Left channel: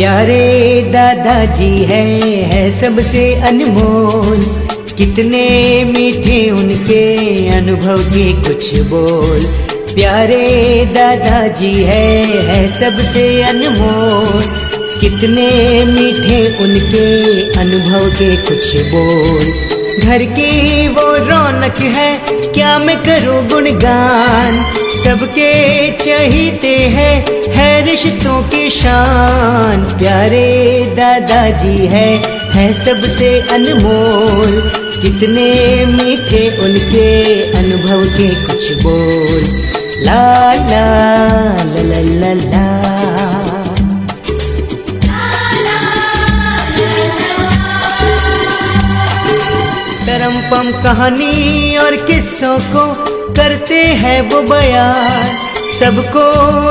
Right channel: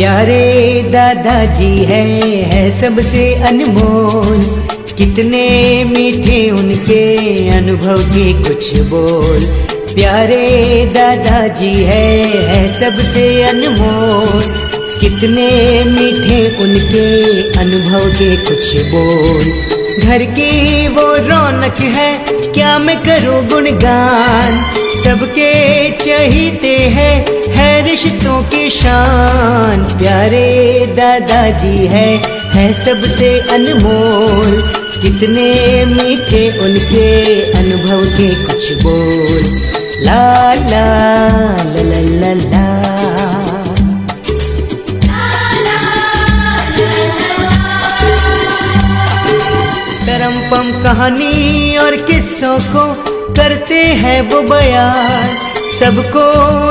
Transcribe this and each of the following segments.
प्यारे दादाजी है सबसे अनमोल। कितने मीठे उनके अनुभव के कुछ बोल। प्यारे दादाजी है सबसे अनमोल। कितने मीठे उनके अनुभव के कुछ बोल। घर की वो रौनक है क्या मैं करूं गुणगान। सबके चहीते हैं है रिश्तों की शान। प्यारे दादाजी है सबसे अनमोल। कितने मीठे उनके अनुभव के कुछ बोल। ला ला ला ला ला ला। तरमपम कहानी और किस्सों को करते हैं वो बयान। सबको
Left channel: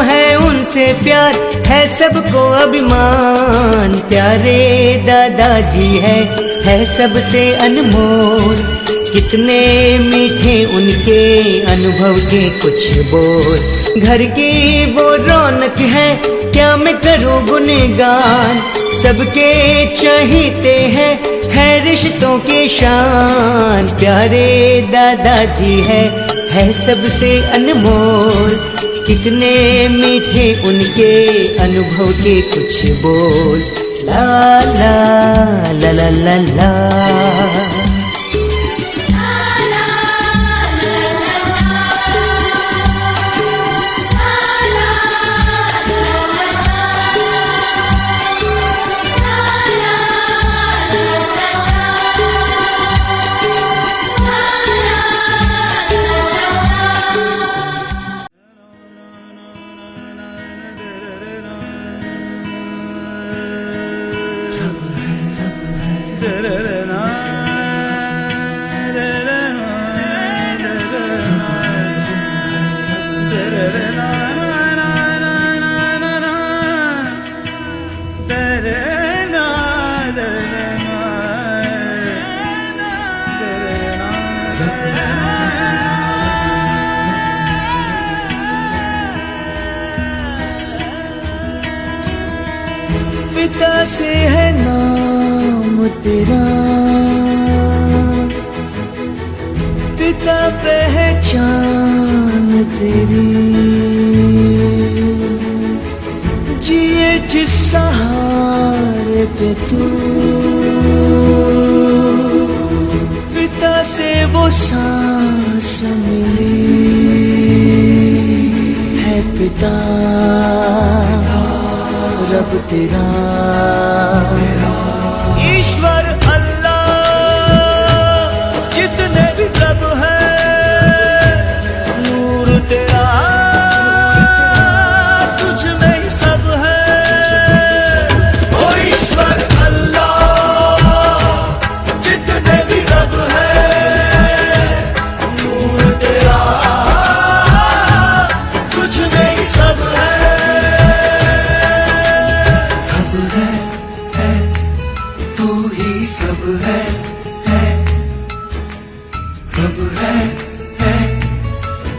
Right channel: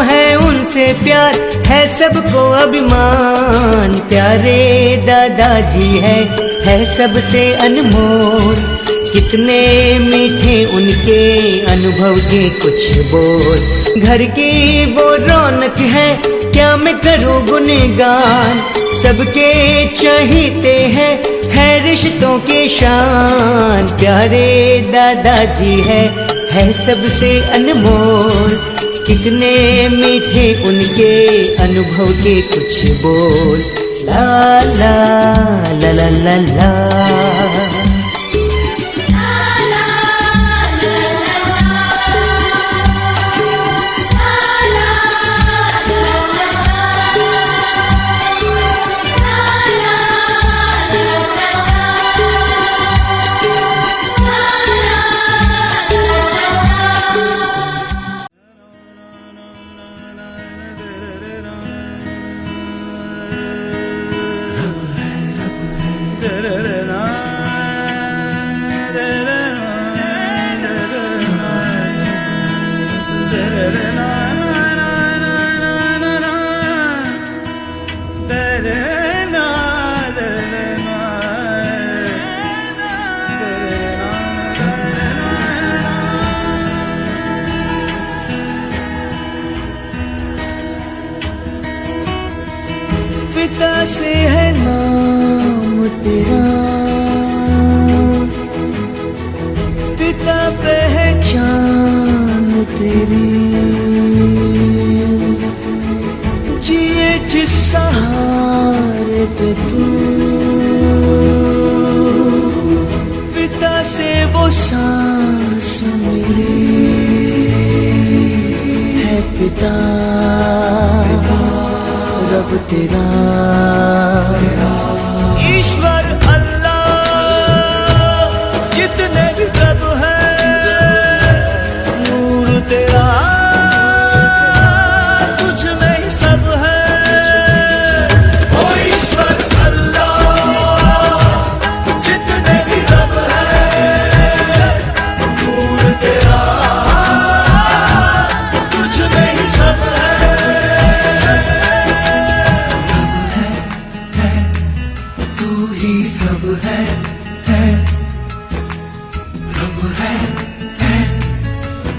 है उनसे प्यार है सबको अभिमान। प्यारे दादाजी है सबसे अनमोल। कितने मीठे उनके अनुभव के कुछ बोल। घर की वो रौनक है क्या मैं करूं गुणगान। सबके चहीते हैं है रिश्तों के शान। प्यारे दादाजी है सबसे अनमोल। कितने मीठे उनके अनुभव के कुछ बोल। ला ला ला ला ला ला। पिता से है नाम तेरा, पिता पहचान तेरी। जिए जिस सहारे पे तू, पिता से वो सांस मिली है। पिता रब तेरा, ईश्वर अल्लाह जितने भी रब है, नूर तेरा तुझ में ही सब है। ओ ईश्वर अल्लाह जितने भी रब है, नूर तेरा तुझ में ही सब है। सब है प्रभु है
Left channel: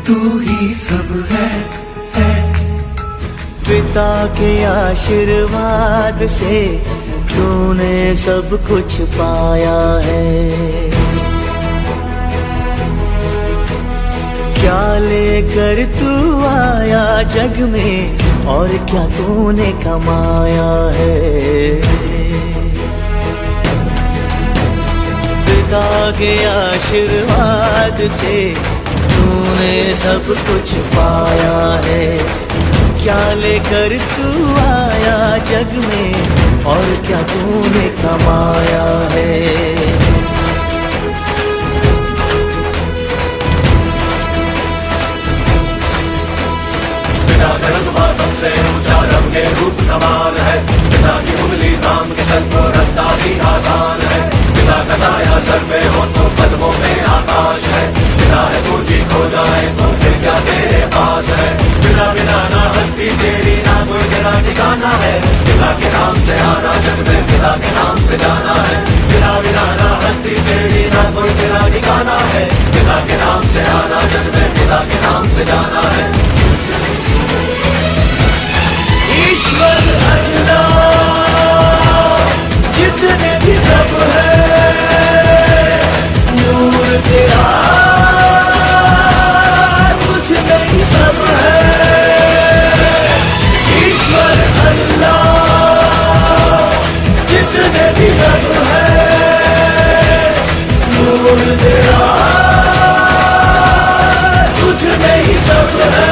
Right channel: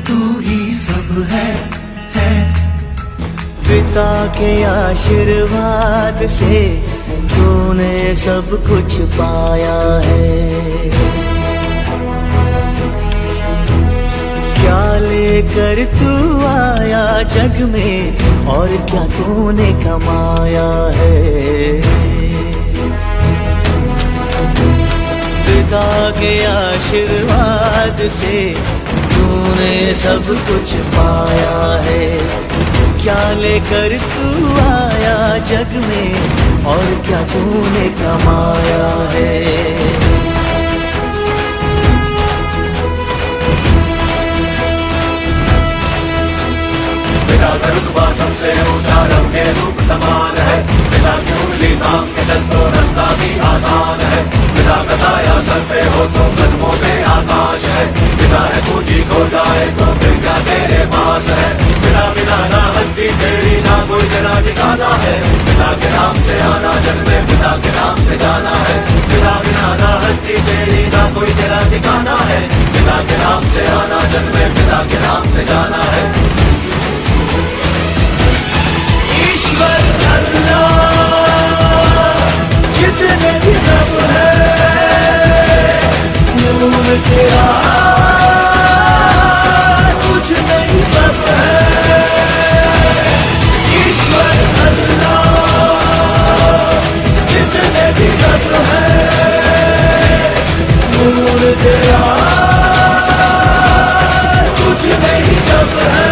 तू ही सब है। पिता के आशीर्वाद से तूने सब कुछ पाया है। क्या लेकर तू आया जग में और क्या तूने कमाया है। पिता के आशीर्वाद से तूने सब कुछ पाया है। क्या लेकर तू आया जग में और क्या तूने कमाया है। पिता का रुतबा सबसे ऊंचा, रब के रूप समान है। पिता की उंगली थाम के चल तो रास्ता भी आसान है। पिता का साया सर पे हो तो कदमों में आकाश है। पिता है पूंजी खो जाए तो फिर क्या तेरे पास है। पिता बिना ना हस्ती तेरी ना कोई तेरा ठिकाना है। पिता के नाम से आना जग में, पिता के नाम से जाना है। पिता बिना ना हस्ती तेरी ना कोई तेरा ठिकाना है। पिता के नाम से आना जग में, पिता के नाम से जाना है। ईश्वर अल्लाह कुछ नहीं सब है ईश्वर अल्लाह, जितने भी रब है नूर तेरा कुछ नहीं सब है।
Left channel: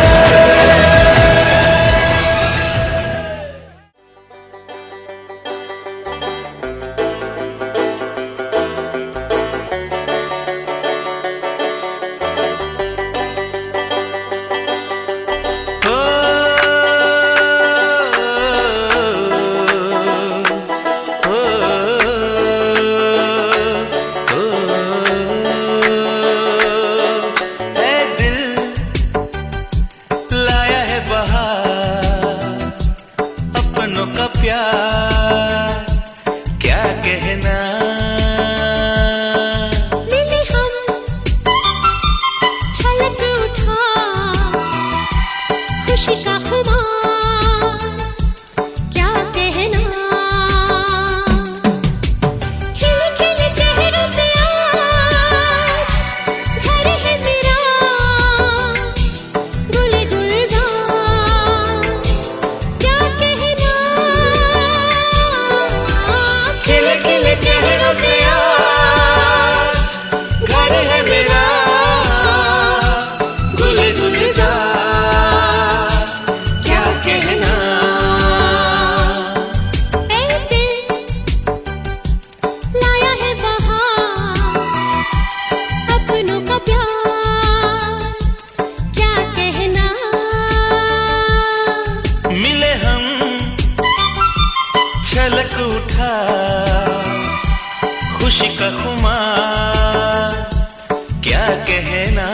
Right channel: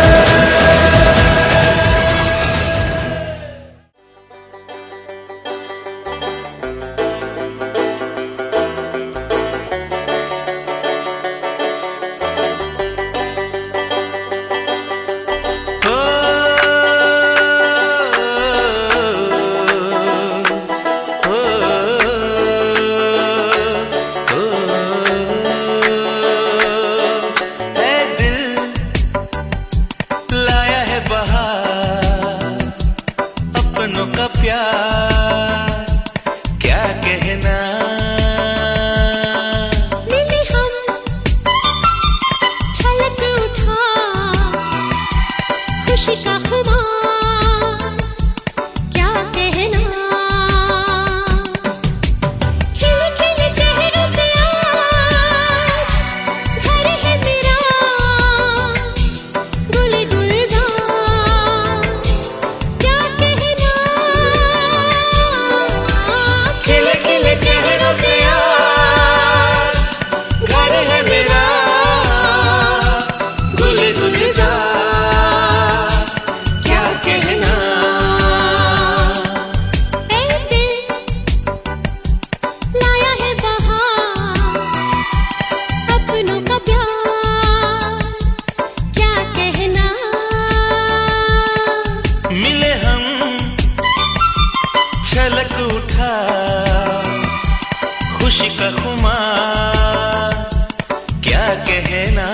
खुशी का खुमार क्या कहना।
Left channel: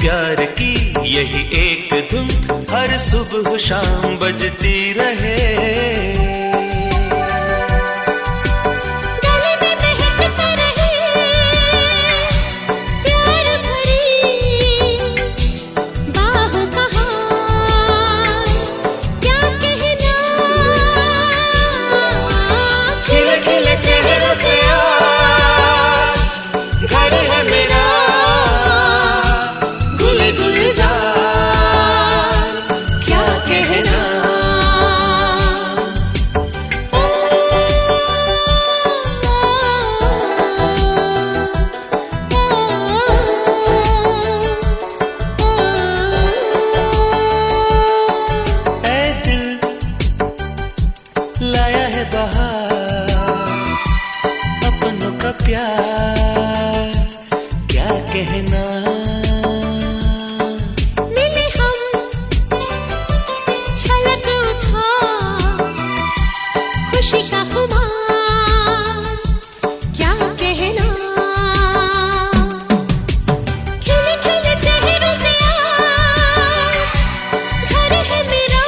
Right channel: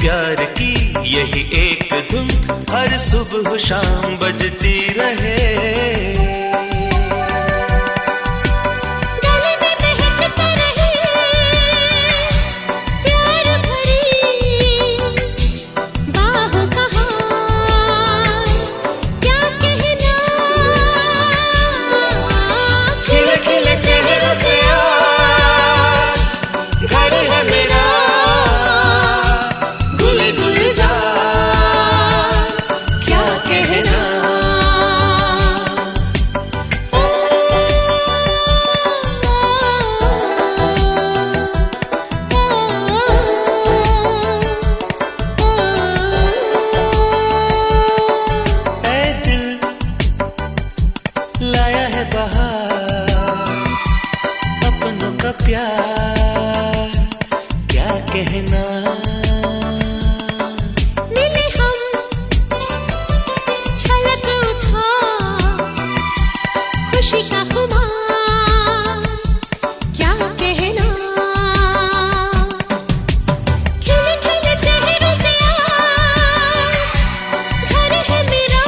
प्यार की यही एक धुन हर सुबह शाम बजती रहे। गले में महकता रहे प्यार भरी बाहों का हार क्या कहना। खिले खिले चेहरों से आज घर है मेरा प्यार क्या कहना। मिले हम छलक उठा खुशी का खुमार क्या कहना। खिले खिले चेहरों से आज घर है मेरा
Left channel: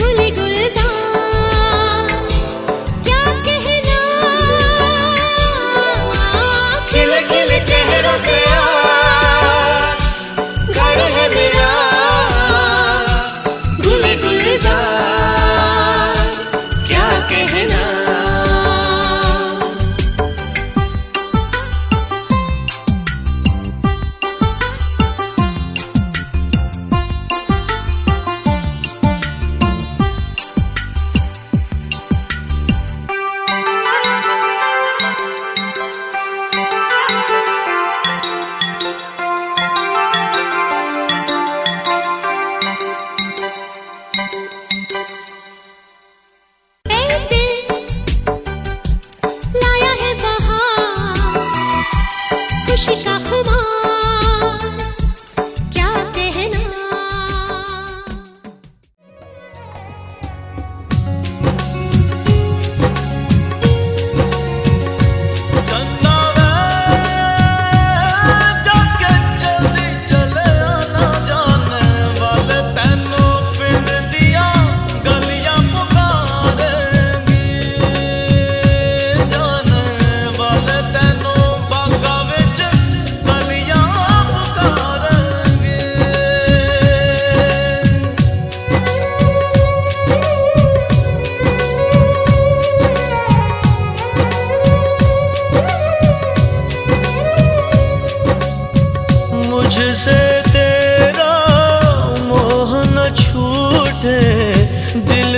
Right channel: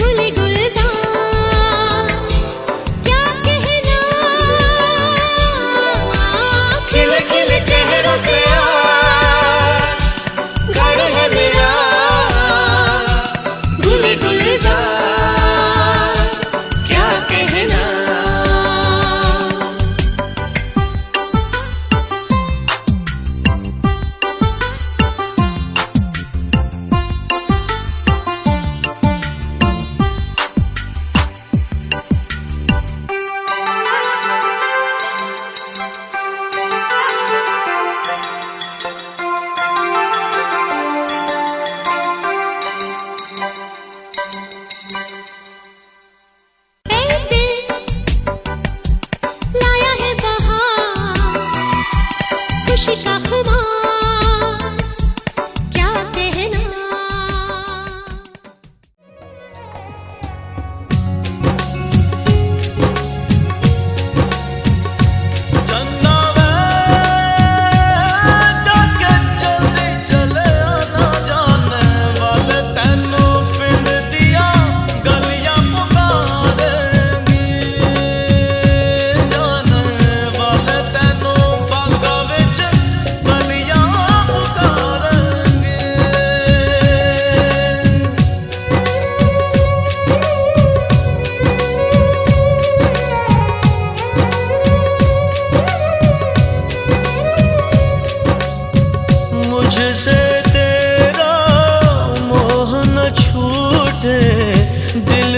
गुल गुलजार क्या कहना। खिले खिले चेहरे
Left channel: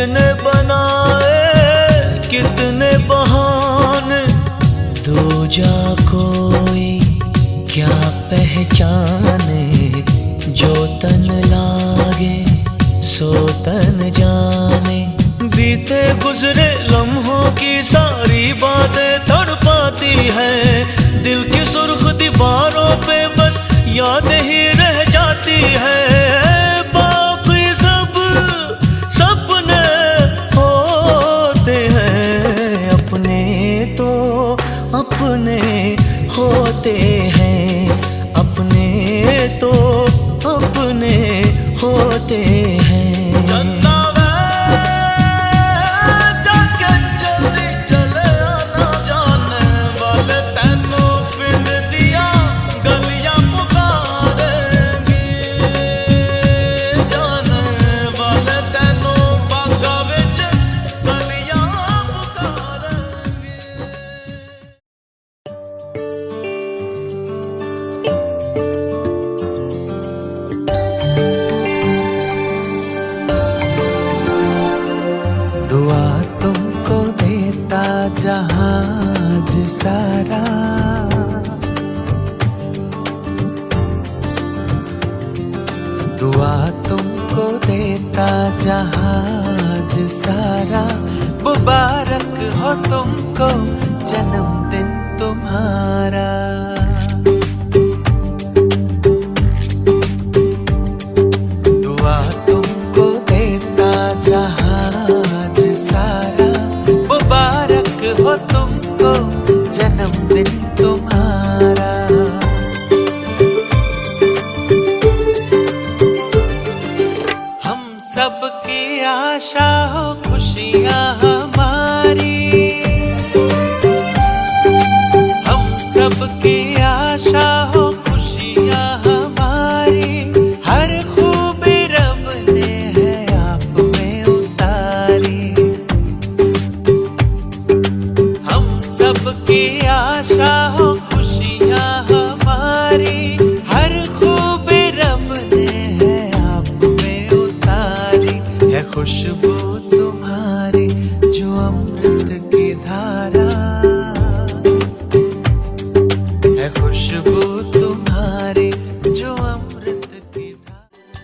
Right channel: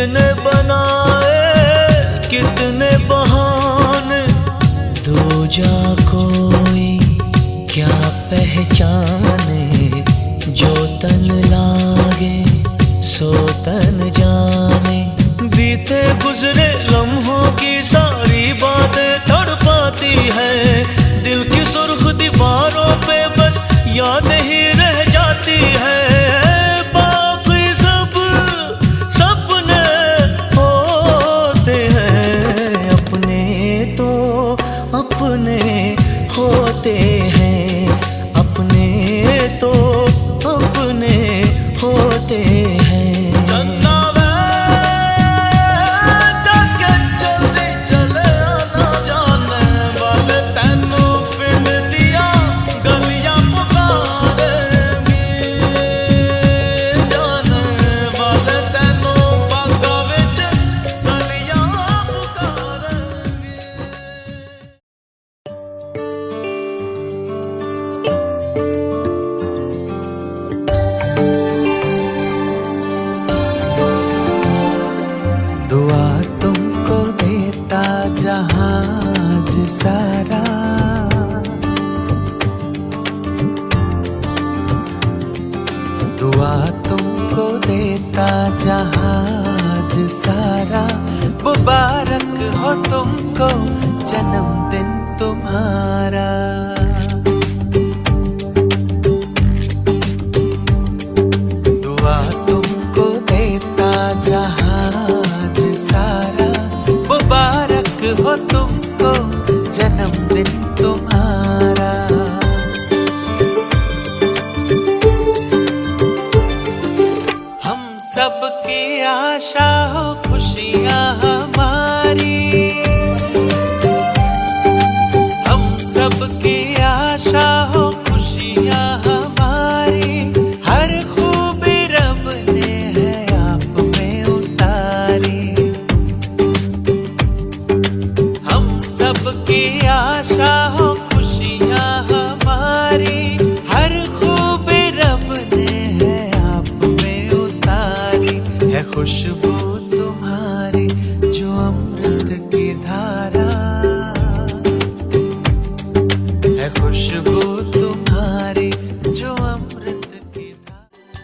ने बनाए कितने बहाने, दो जा कोई क्या पहचाने, जो तन लागे सो तन जाने। बीते गुजरे लम्हों की सारी बातें तड़पाती है, दिल की सुर्ख दीवारों पे बस याद ही रह जाती है। बाकी सब सपने होते हैं, अपने तो अपने होते हैं, अपने तो अपने होते हैं। दुआ तुमको देता जहाज सारा, दुआ तुमको देता जहाज सारा। मुबारक हो तुमको जन्मदिन तुम्हारा। दुआ तुमको देता जहाज सारा, मुबारक हो तुमको जन्मदिन तुम्हारा। हम सबकी आशा हो खुशियाँ हमारी, हम सबकी आशा हो खुशियाँ हमारी। हर खूबी रब ने है आप में उतारी। हम सबकी आशा हो खुशियाँ हमारी, हर खूबी रब ने है आप में उतारी। है खुशबू तुम्हारी जो अमृत की धारा, है खुशबू तुम्हारी जो अमृत की धारा।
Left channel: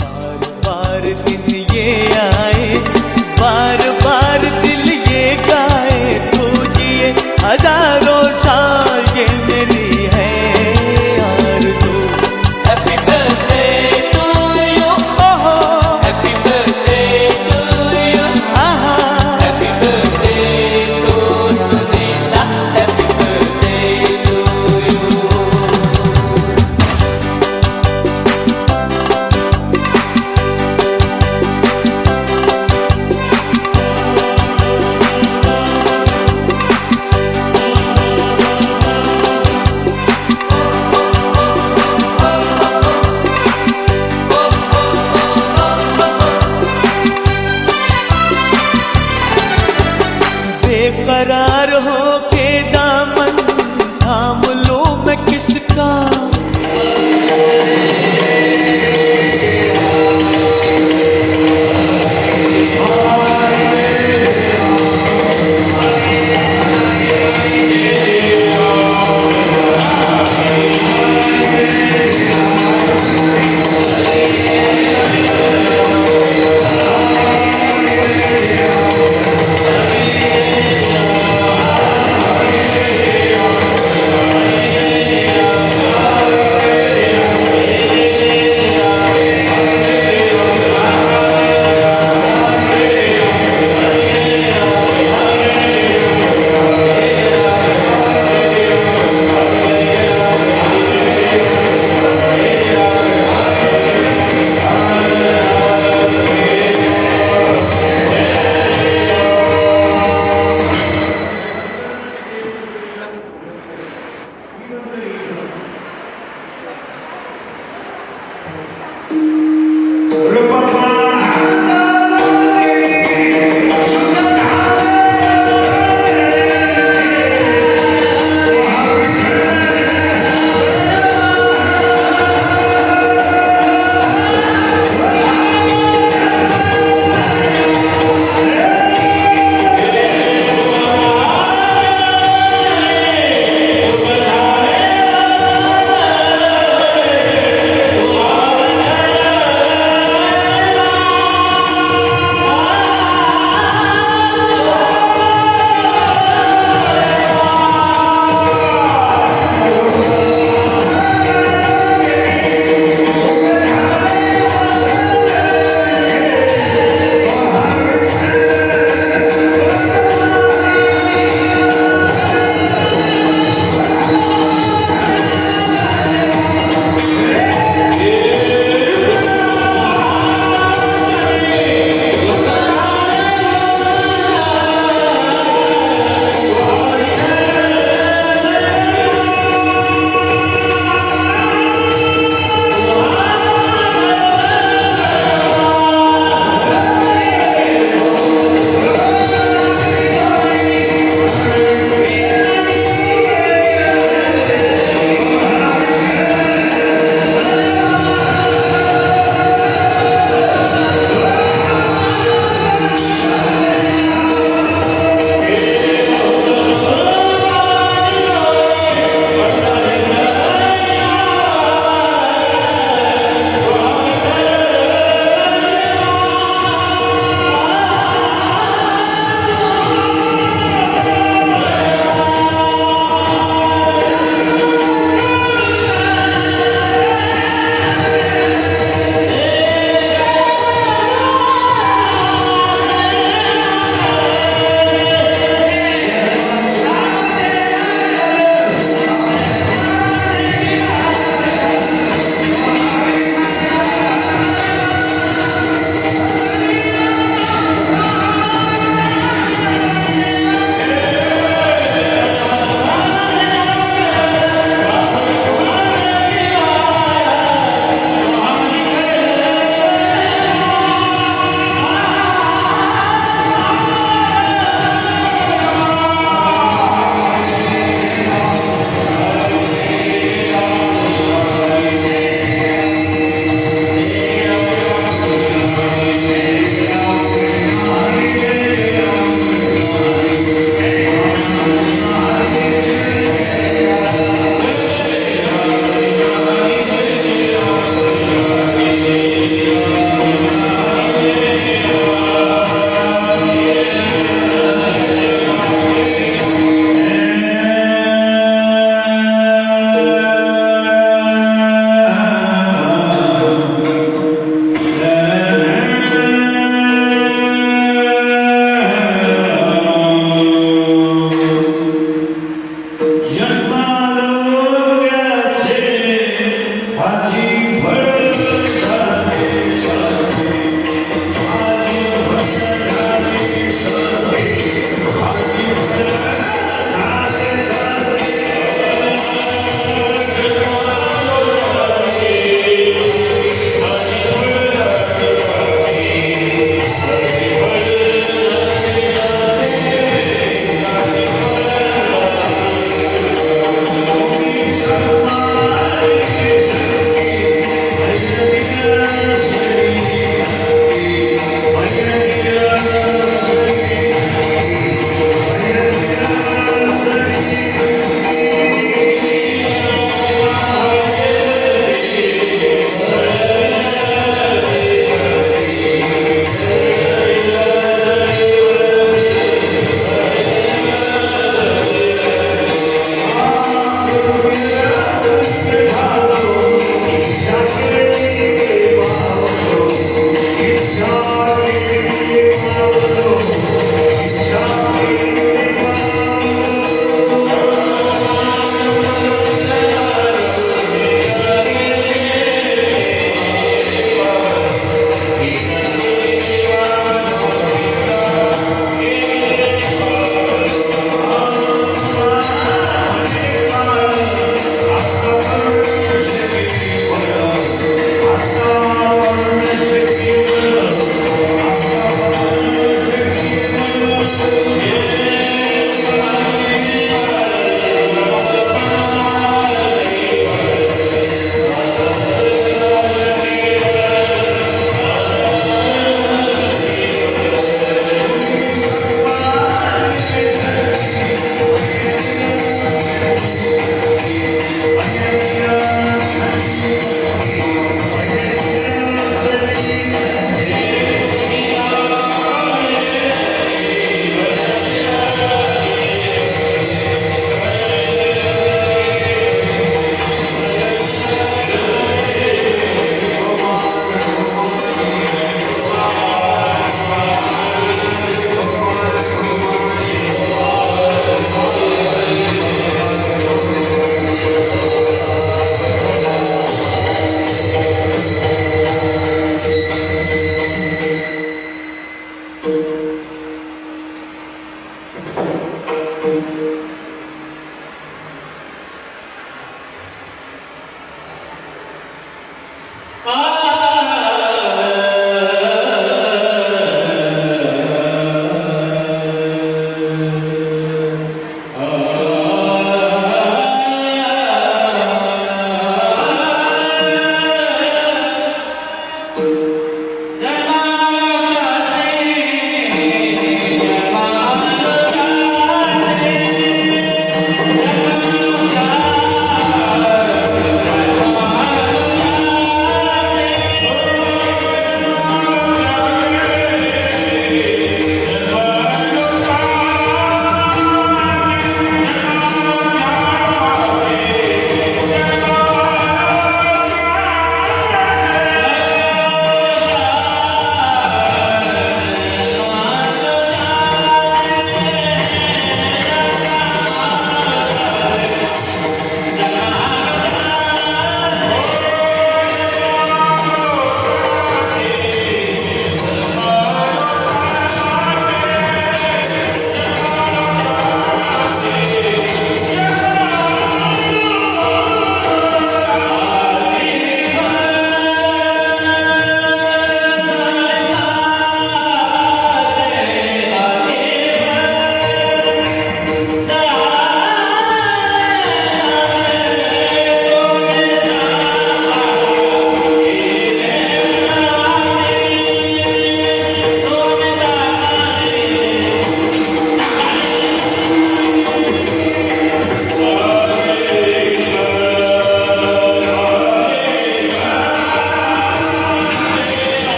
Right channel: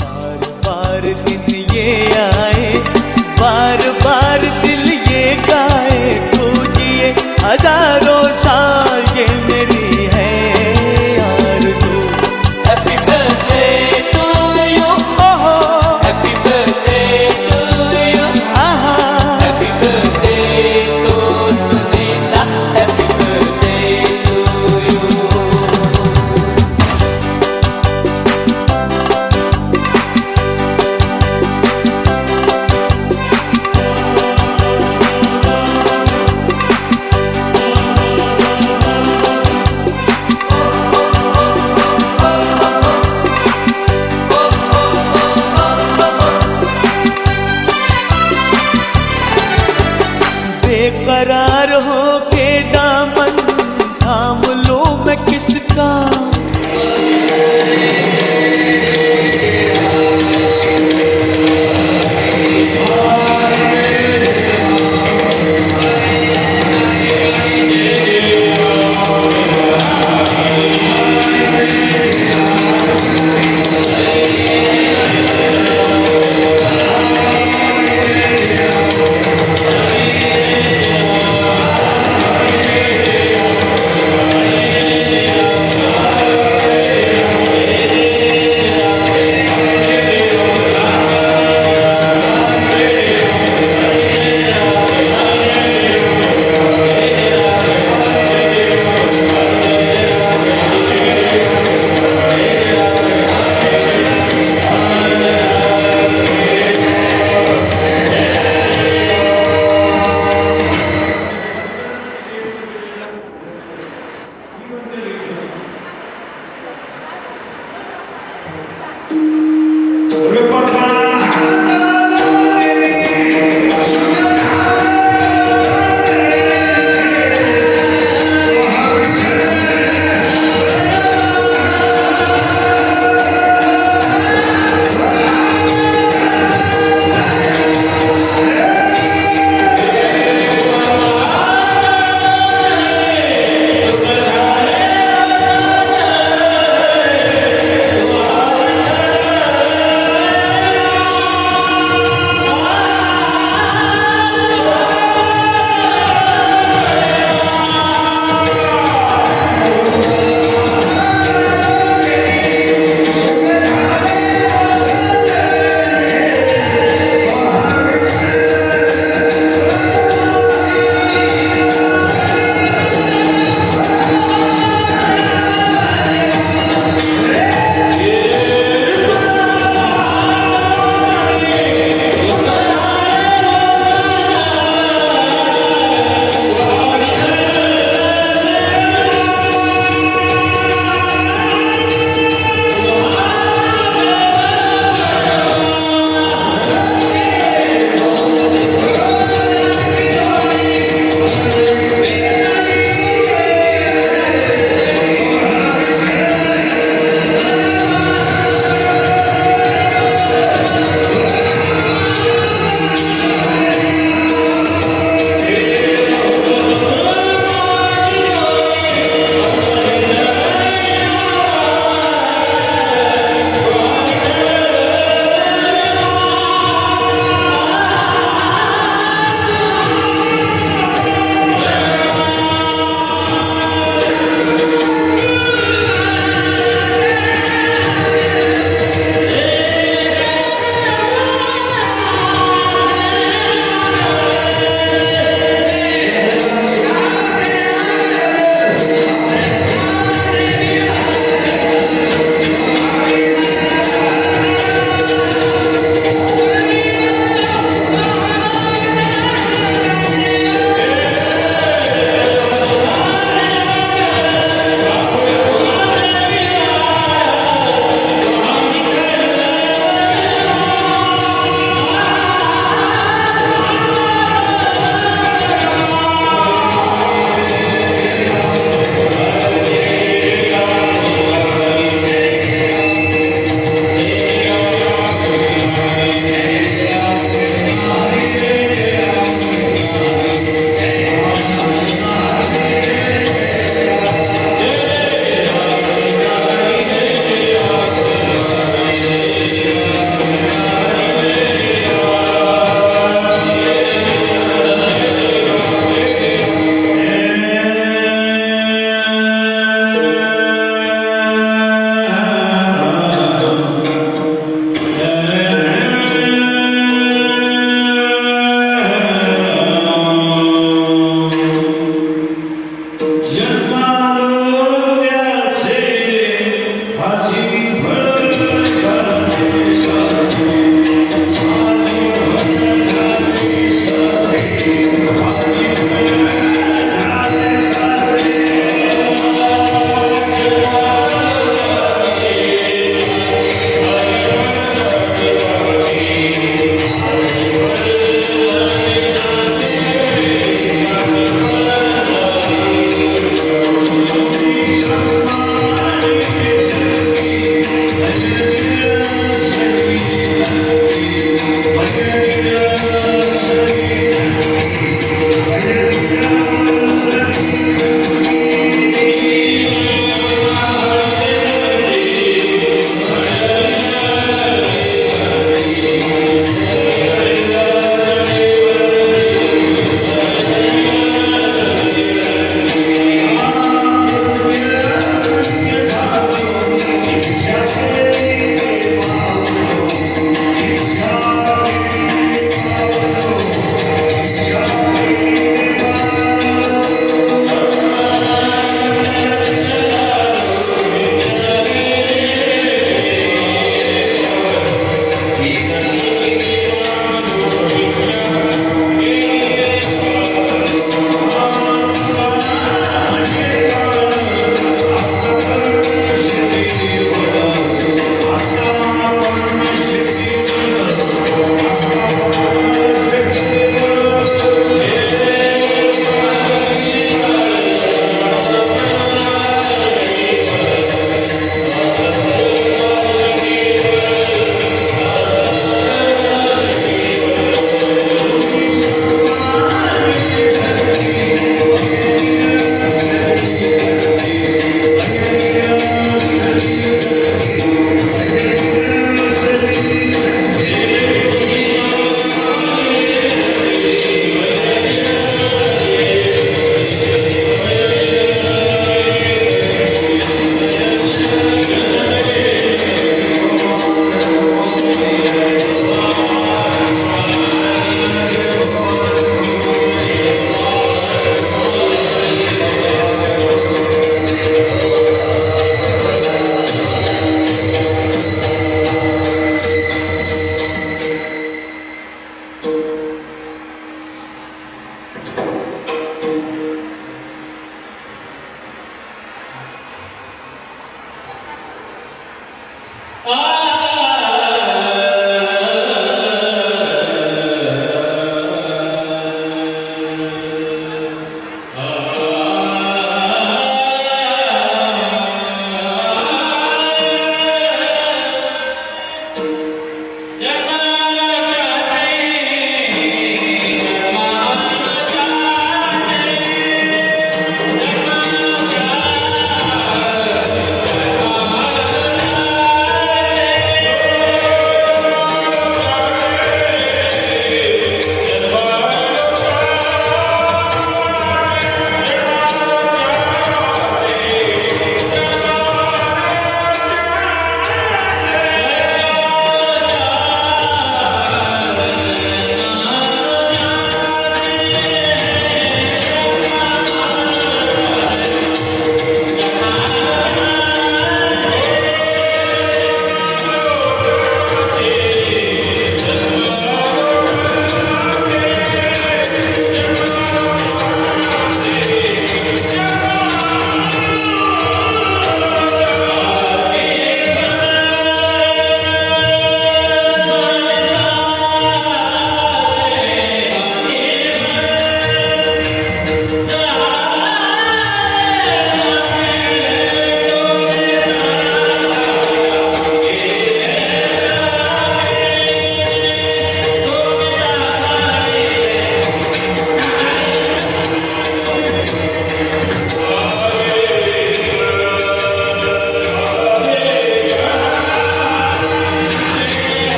बार बार दिन ये आए, बार बार दिल ये गाए, तू जिए हजारों साल ये मेरी है आरज़ू। Happy birthday to you, ओहो happy birthday to you, आहा, happy birthday to Sunita, happy birthday to you. बेकरार हो के दामन थाम लो मैं किसका।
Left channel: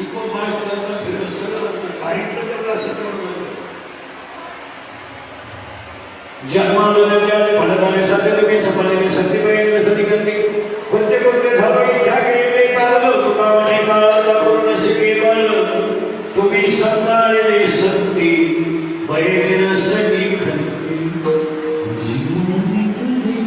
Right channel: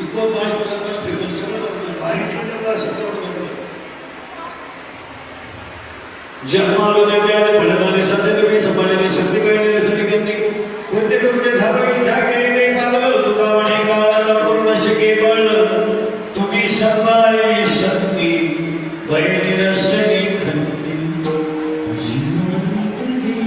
इको पार्क फिरलं सगळं भारी ठरलं असं तर जन्मालो जगाने फळदाने सत्य सपाडले सत्य बहिणी सती गती प्रत्येक गोष्टी झालं इच्छा केली पावलं तुका म्हणे काळाला पूर्ण शके पडलं तुम्ही सांभाळले सत्ती बहिणी रसनी खंती जीवनी तुझी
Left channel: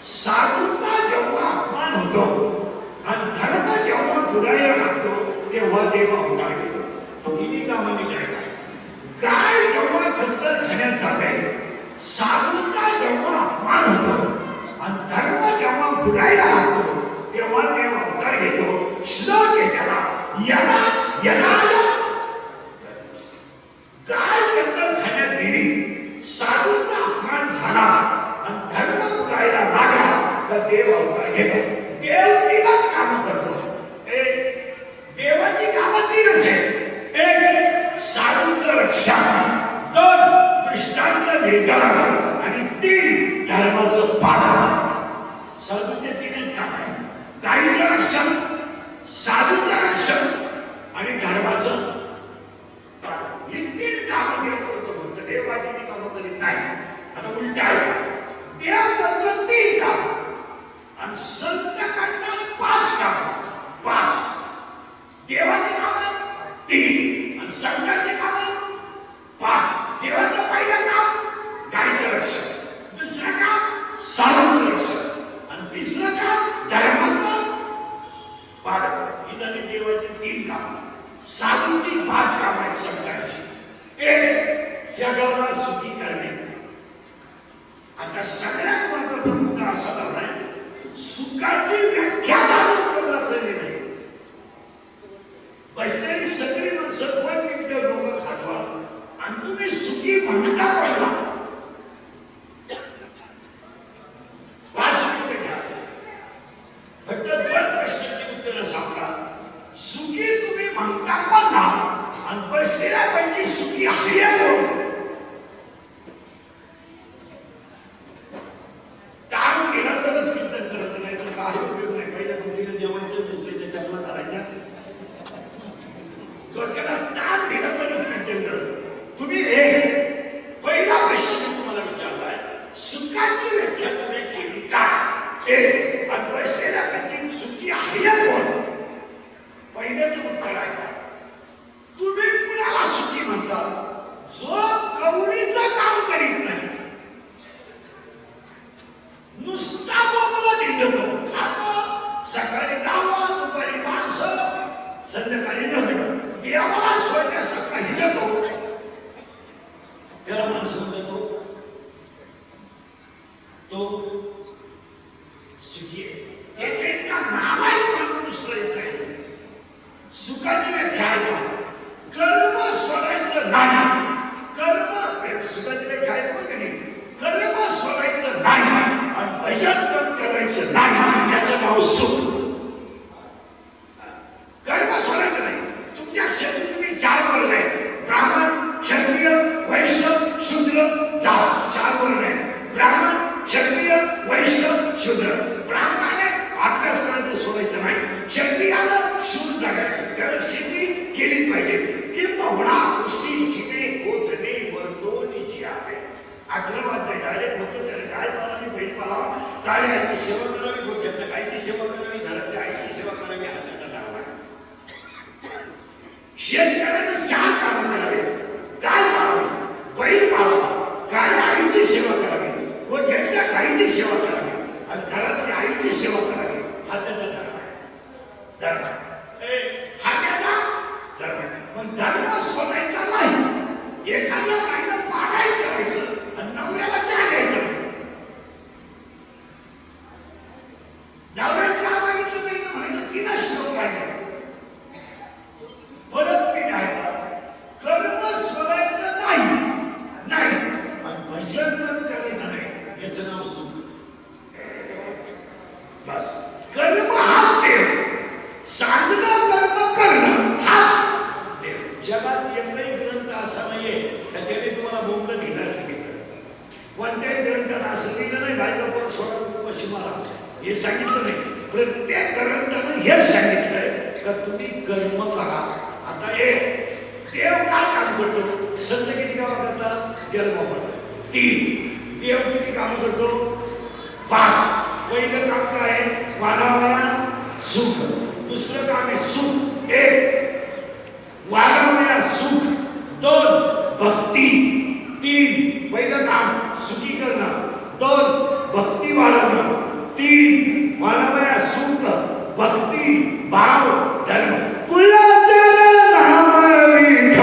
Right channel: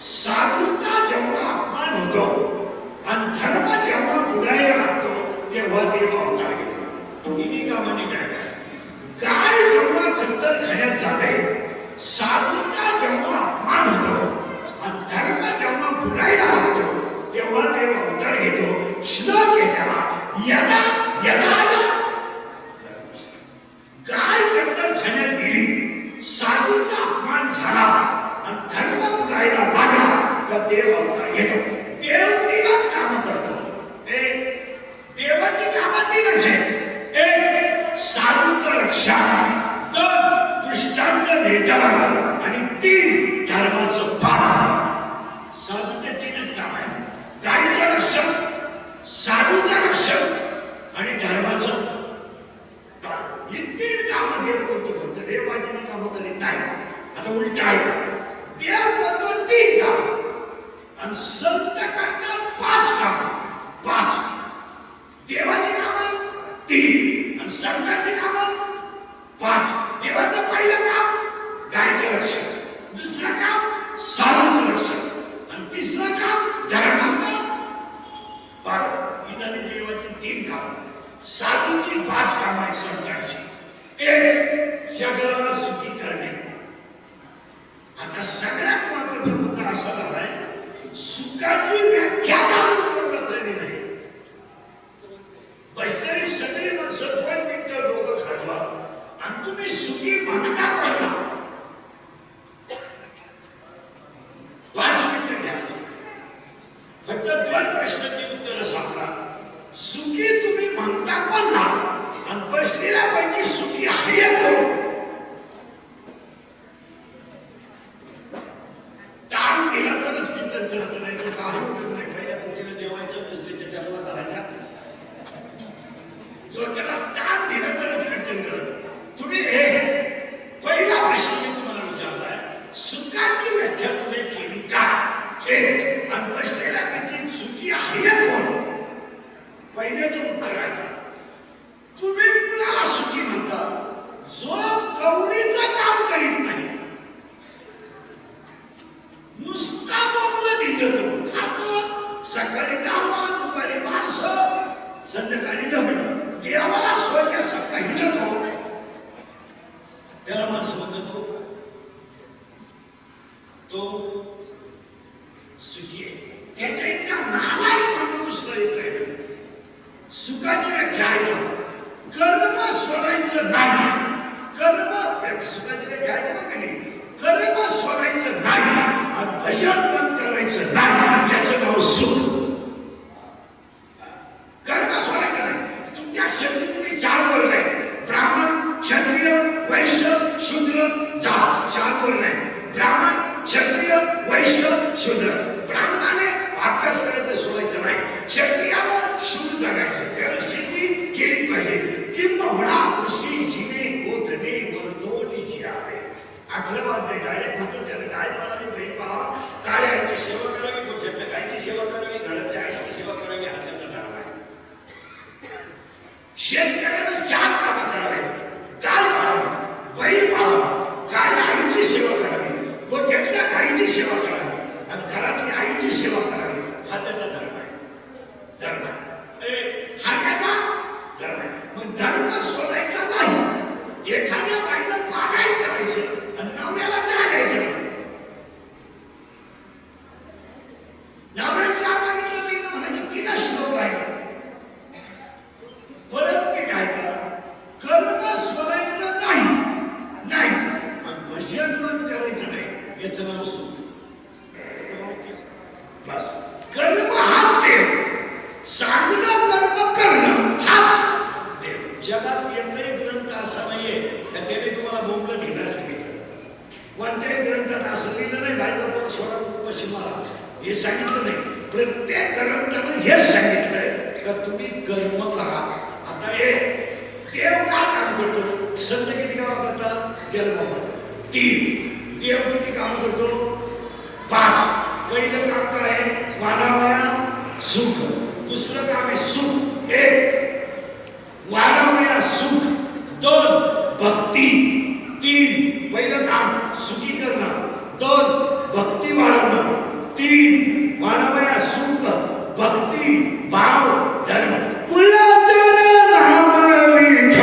साधूचा जेव्हा अपमान होतो आणि धर्म जेव्हा पुढायला लागतो तेव्हा देव अवतार घेतो. तिन्ही कामाने काय काय जेव्हा दत्तर खाण्यात जाते साधूचा जेव्हा अपमान होतो आणि धर्म जेव्हा बुडायला लागतो तेव्हा देव अवतार घेतो श्लोक आहे त्याला यदा यदा काय दत्तर खाण्यात दिली साधूचा अपमान झाला आणि धर्म बुडायला लागला का देव अवतार घेतो देव तीनच काम करतो देवाची कामं तीनच आहे एक साधूचं रक्षण दोन दृष्टांत निर्धारण आणि तीन धर्माचं पालन साधूचे तीनच काम आहे गायीचं रक्षण साधूचं रक्षण आणि धर्माचं ही तीन कामं देव करतो म्हणतो देवाची कामं करीत नाही आता उलट आहे देव करतो तीन काम आणि संत करतात पाच काम पाच देवाची कामं तीन आणि संतांची कामं पाच देवाचं पहिलं काम गायीचं रक्षण दुसरं काम साधूचं रक्षण आणि तिसरं काम धर्माचं पालन ही झाली देवाची तीन कामं साधूची पाच कामं आहेत संतांची एक जगाला सुखी करणे आता सगळ्यात महत्वाचा मुद्दा असा झालाय सुखाची व्याख्या कळली नाही बसलेली सगळी माणसं 2 मिनिटं डोकं खाजवा आणि तुम्ही सुखी म्हणता पडला 5 मिनिटं घ्या फक्त 2 प्रश्नांची उत्तरं सांगा सुखी तुम्ही म्हणता पडला आणि बसलेल्यापैकी सुखी आहे ताण केला तरच कीर्तन करत नाही तर काही उपयोग नाही पहिल्या भक्तीला जेवायचं दिसले त्याच्या चपला करायच्या डोक्याला ताण दिलं तरच कीर्तन करत तुम्ही हे पहिला प्रश्न मी तुम्हाला विचारलाय सुखाची व्याख्या तुम्ही केली काय हे आणि बसलेल्यापैकी सुखी आहे कोण पहिल्याचं उत्तर आहे का तुम्ही कुणाला सुखी म्हणता जो कवडीचं काम करीत नाही नुसता बोंबला दिंडतो खातो सकाळी 10 दुपारी 12 संध्याकाळी 9 देवाला स्वतःचा हिंडतो त्याला माणूस म्हणतो तो सुखी आहे त्याच्या इतका नालायक म्हणून दुसरं येत आहे सुखाची व्याख्या आहे कर्म सोडायचं नाही कर्म सुखाची व्याख्या आहे बघ नाही कर्म सोडायचं नाही आणि भजन पण करायचं नाही याचं नाव सुख कर्म सोडायचं नाही तुमच्या क्षत्रिय 4 वर्ग आहेत ब्राह्मण क्षत्रिय वैश्य शूद्र जात 4 वर्ग आहेत ब्राह्मण क्षत्रिय वैश्य शूद्र ब्राह्मणाने अभ्यास करायचं सोडायचं नाही क्षत्रियाला शूद्र जगायचं त्याला शेती केली पाहिजे किंबहुना कृषी जिने होतने वर्तोनीची आहे आश्रमात ते डायरेक्ट होतो त्याला काय करावी बहीण पाहावा काय याची सेवा करावी गोष्ट कायची सेवा करावी घरातल्या आईची सेवा करावी हा त्याचा धर्म आहे शेतकऱ्यानं 4 कामं करावे गाय पाळावी बैल पाळावा काय आईची सेवा करावी गोठ्यातल्या गायीची सेवा करावी आणि घरातल्या आईची सेवा करावी हा त्याचा धर्म आहे धर्म हा त्याचा धर्म आहे मग धर्म सोडायचा नाही एखाद्या बाईनं पारायण करायचं आणि नवऱ्याला चहा द्यायचं नवऱ्याला चहा मागितलं नाही तर म्हणायचं 3 श्लोक आहे परत पीठ आहे कर्म सोडायचं नाही आणि भजन पण करायचं नाही याचं नाव सुख बस कर्म हाच देव साधना कर्म करणं हाच देव जगात एकही ग्रंथ असा नाहीये का त्याने तुम्हाला बोंबलं घेणं सांगितलं कोणत्याही ग्रंथात असं लिहिलं नाही बायकोवर सोडा उपवाशी मारा हे सांगितलं नाही प्रत्येक ग्रंथानं हेच सांगितलंय का तुम्ही कर्म करा आता हे देव काय काम करतो संत किती काम करतात जन्मामध्ये 3 देव किती काम करतो 5 पहिलं काम काय आहे वाढावया सुख दुसरं काम आहे सुख 1 वाढावया सुख 2 भक्ती 3 पहिलं काम सुखी करणं 2 भक्ती वाढवणं 3 वाढावया सुख भक्ती भाव धर्म कुलाचरण नाम विठ्ठल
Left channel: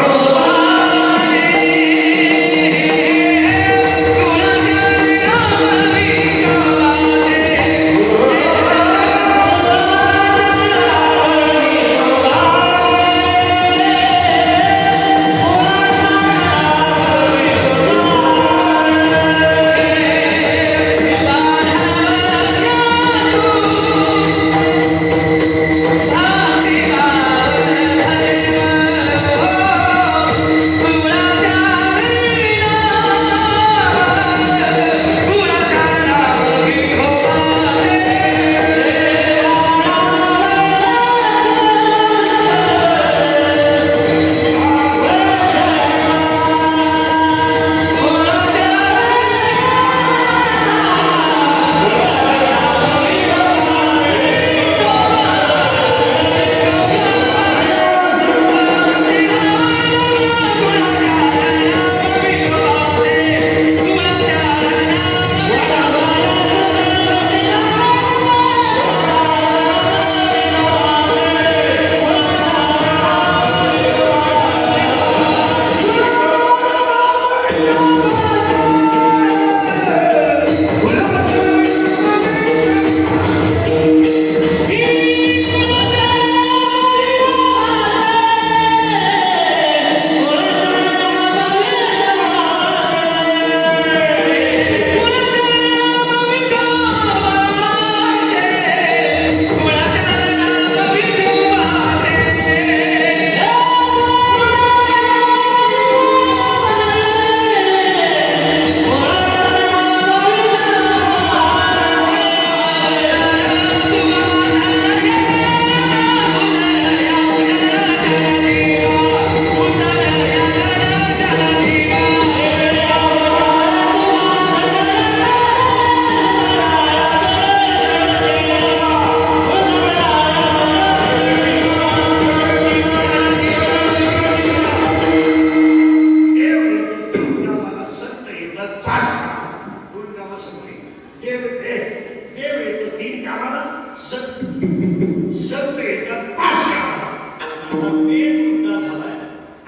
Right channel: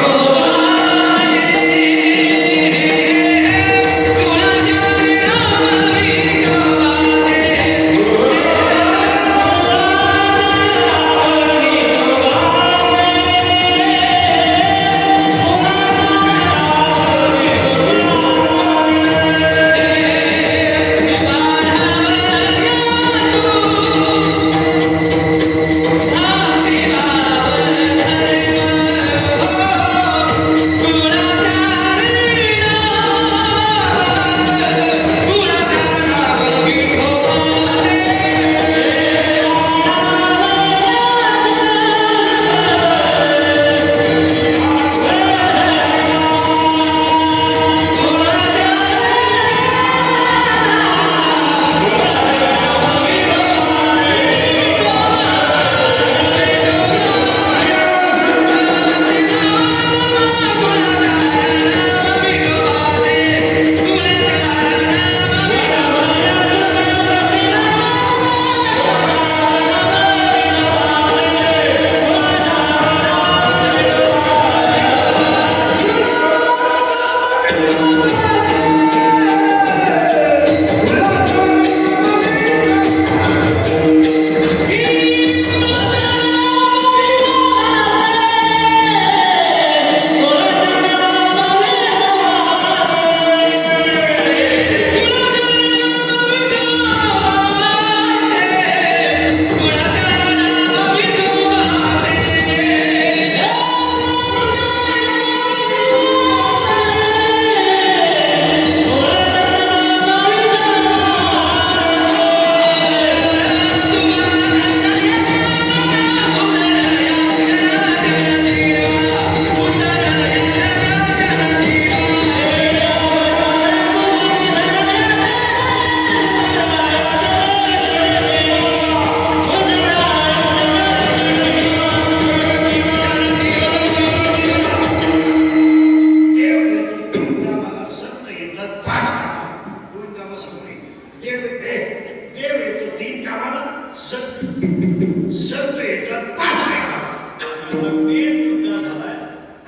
अनेक युद्ध झालाय,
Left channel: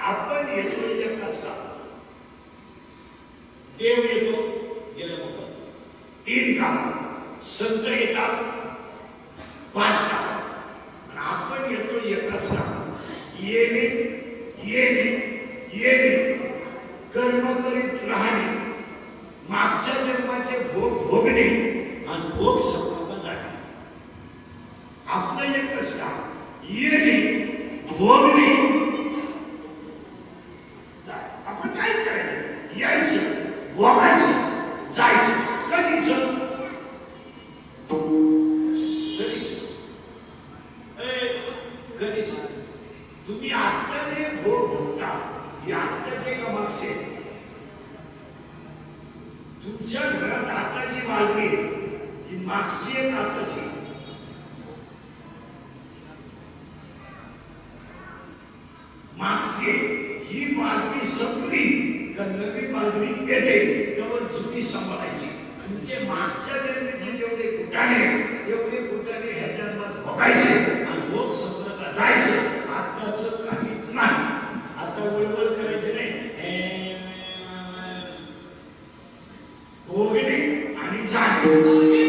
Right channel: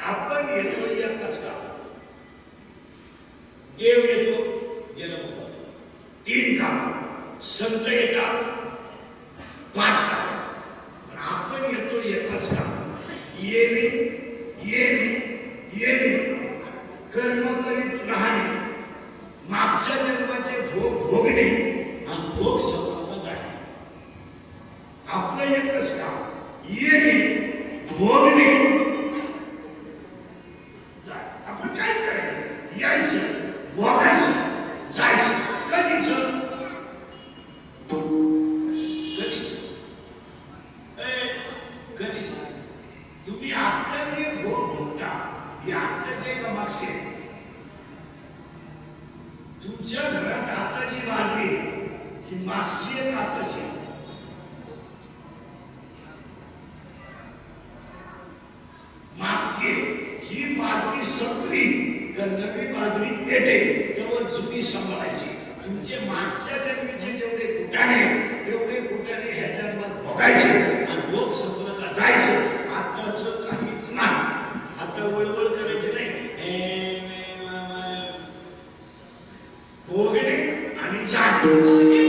आपण येतो एकच का? देव येतो, गेलं बाबा 3 काम, संत येतात 5 काम, पण आपण येतो एकच काम. येणे येणे येणे, कर्म करीत राहणे, मागच्या जन्माचे भोग भोगणे आणि भोग संपन्न जाणे. आपलं एकच काम, येणे भोगणे. आपण काहीच करायचं, यायचं, भोगायचं, जायचं. कधीच कधीच कधीच तुम्ही आता जे भोग भोगता, हे आत्ताचे का मागचे? तुमच्या घरात आताची बाजरी ही मागची आहे का आताची? मागची ही बाजरी संपली का नवी बाजरी येते, तेव्हा जुनी सांभाळायची. तुमचे मागच्या जन्मीचे जेवढे कुटाणे, तेवढे कुटाणे ह्या जन्मात भोगायचे आणि भोग संपलं जायचं. आताच काहीच नाही. आता वळवळ करायची नाही, भोगणे आणि जाणे.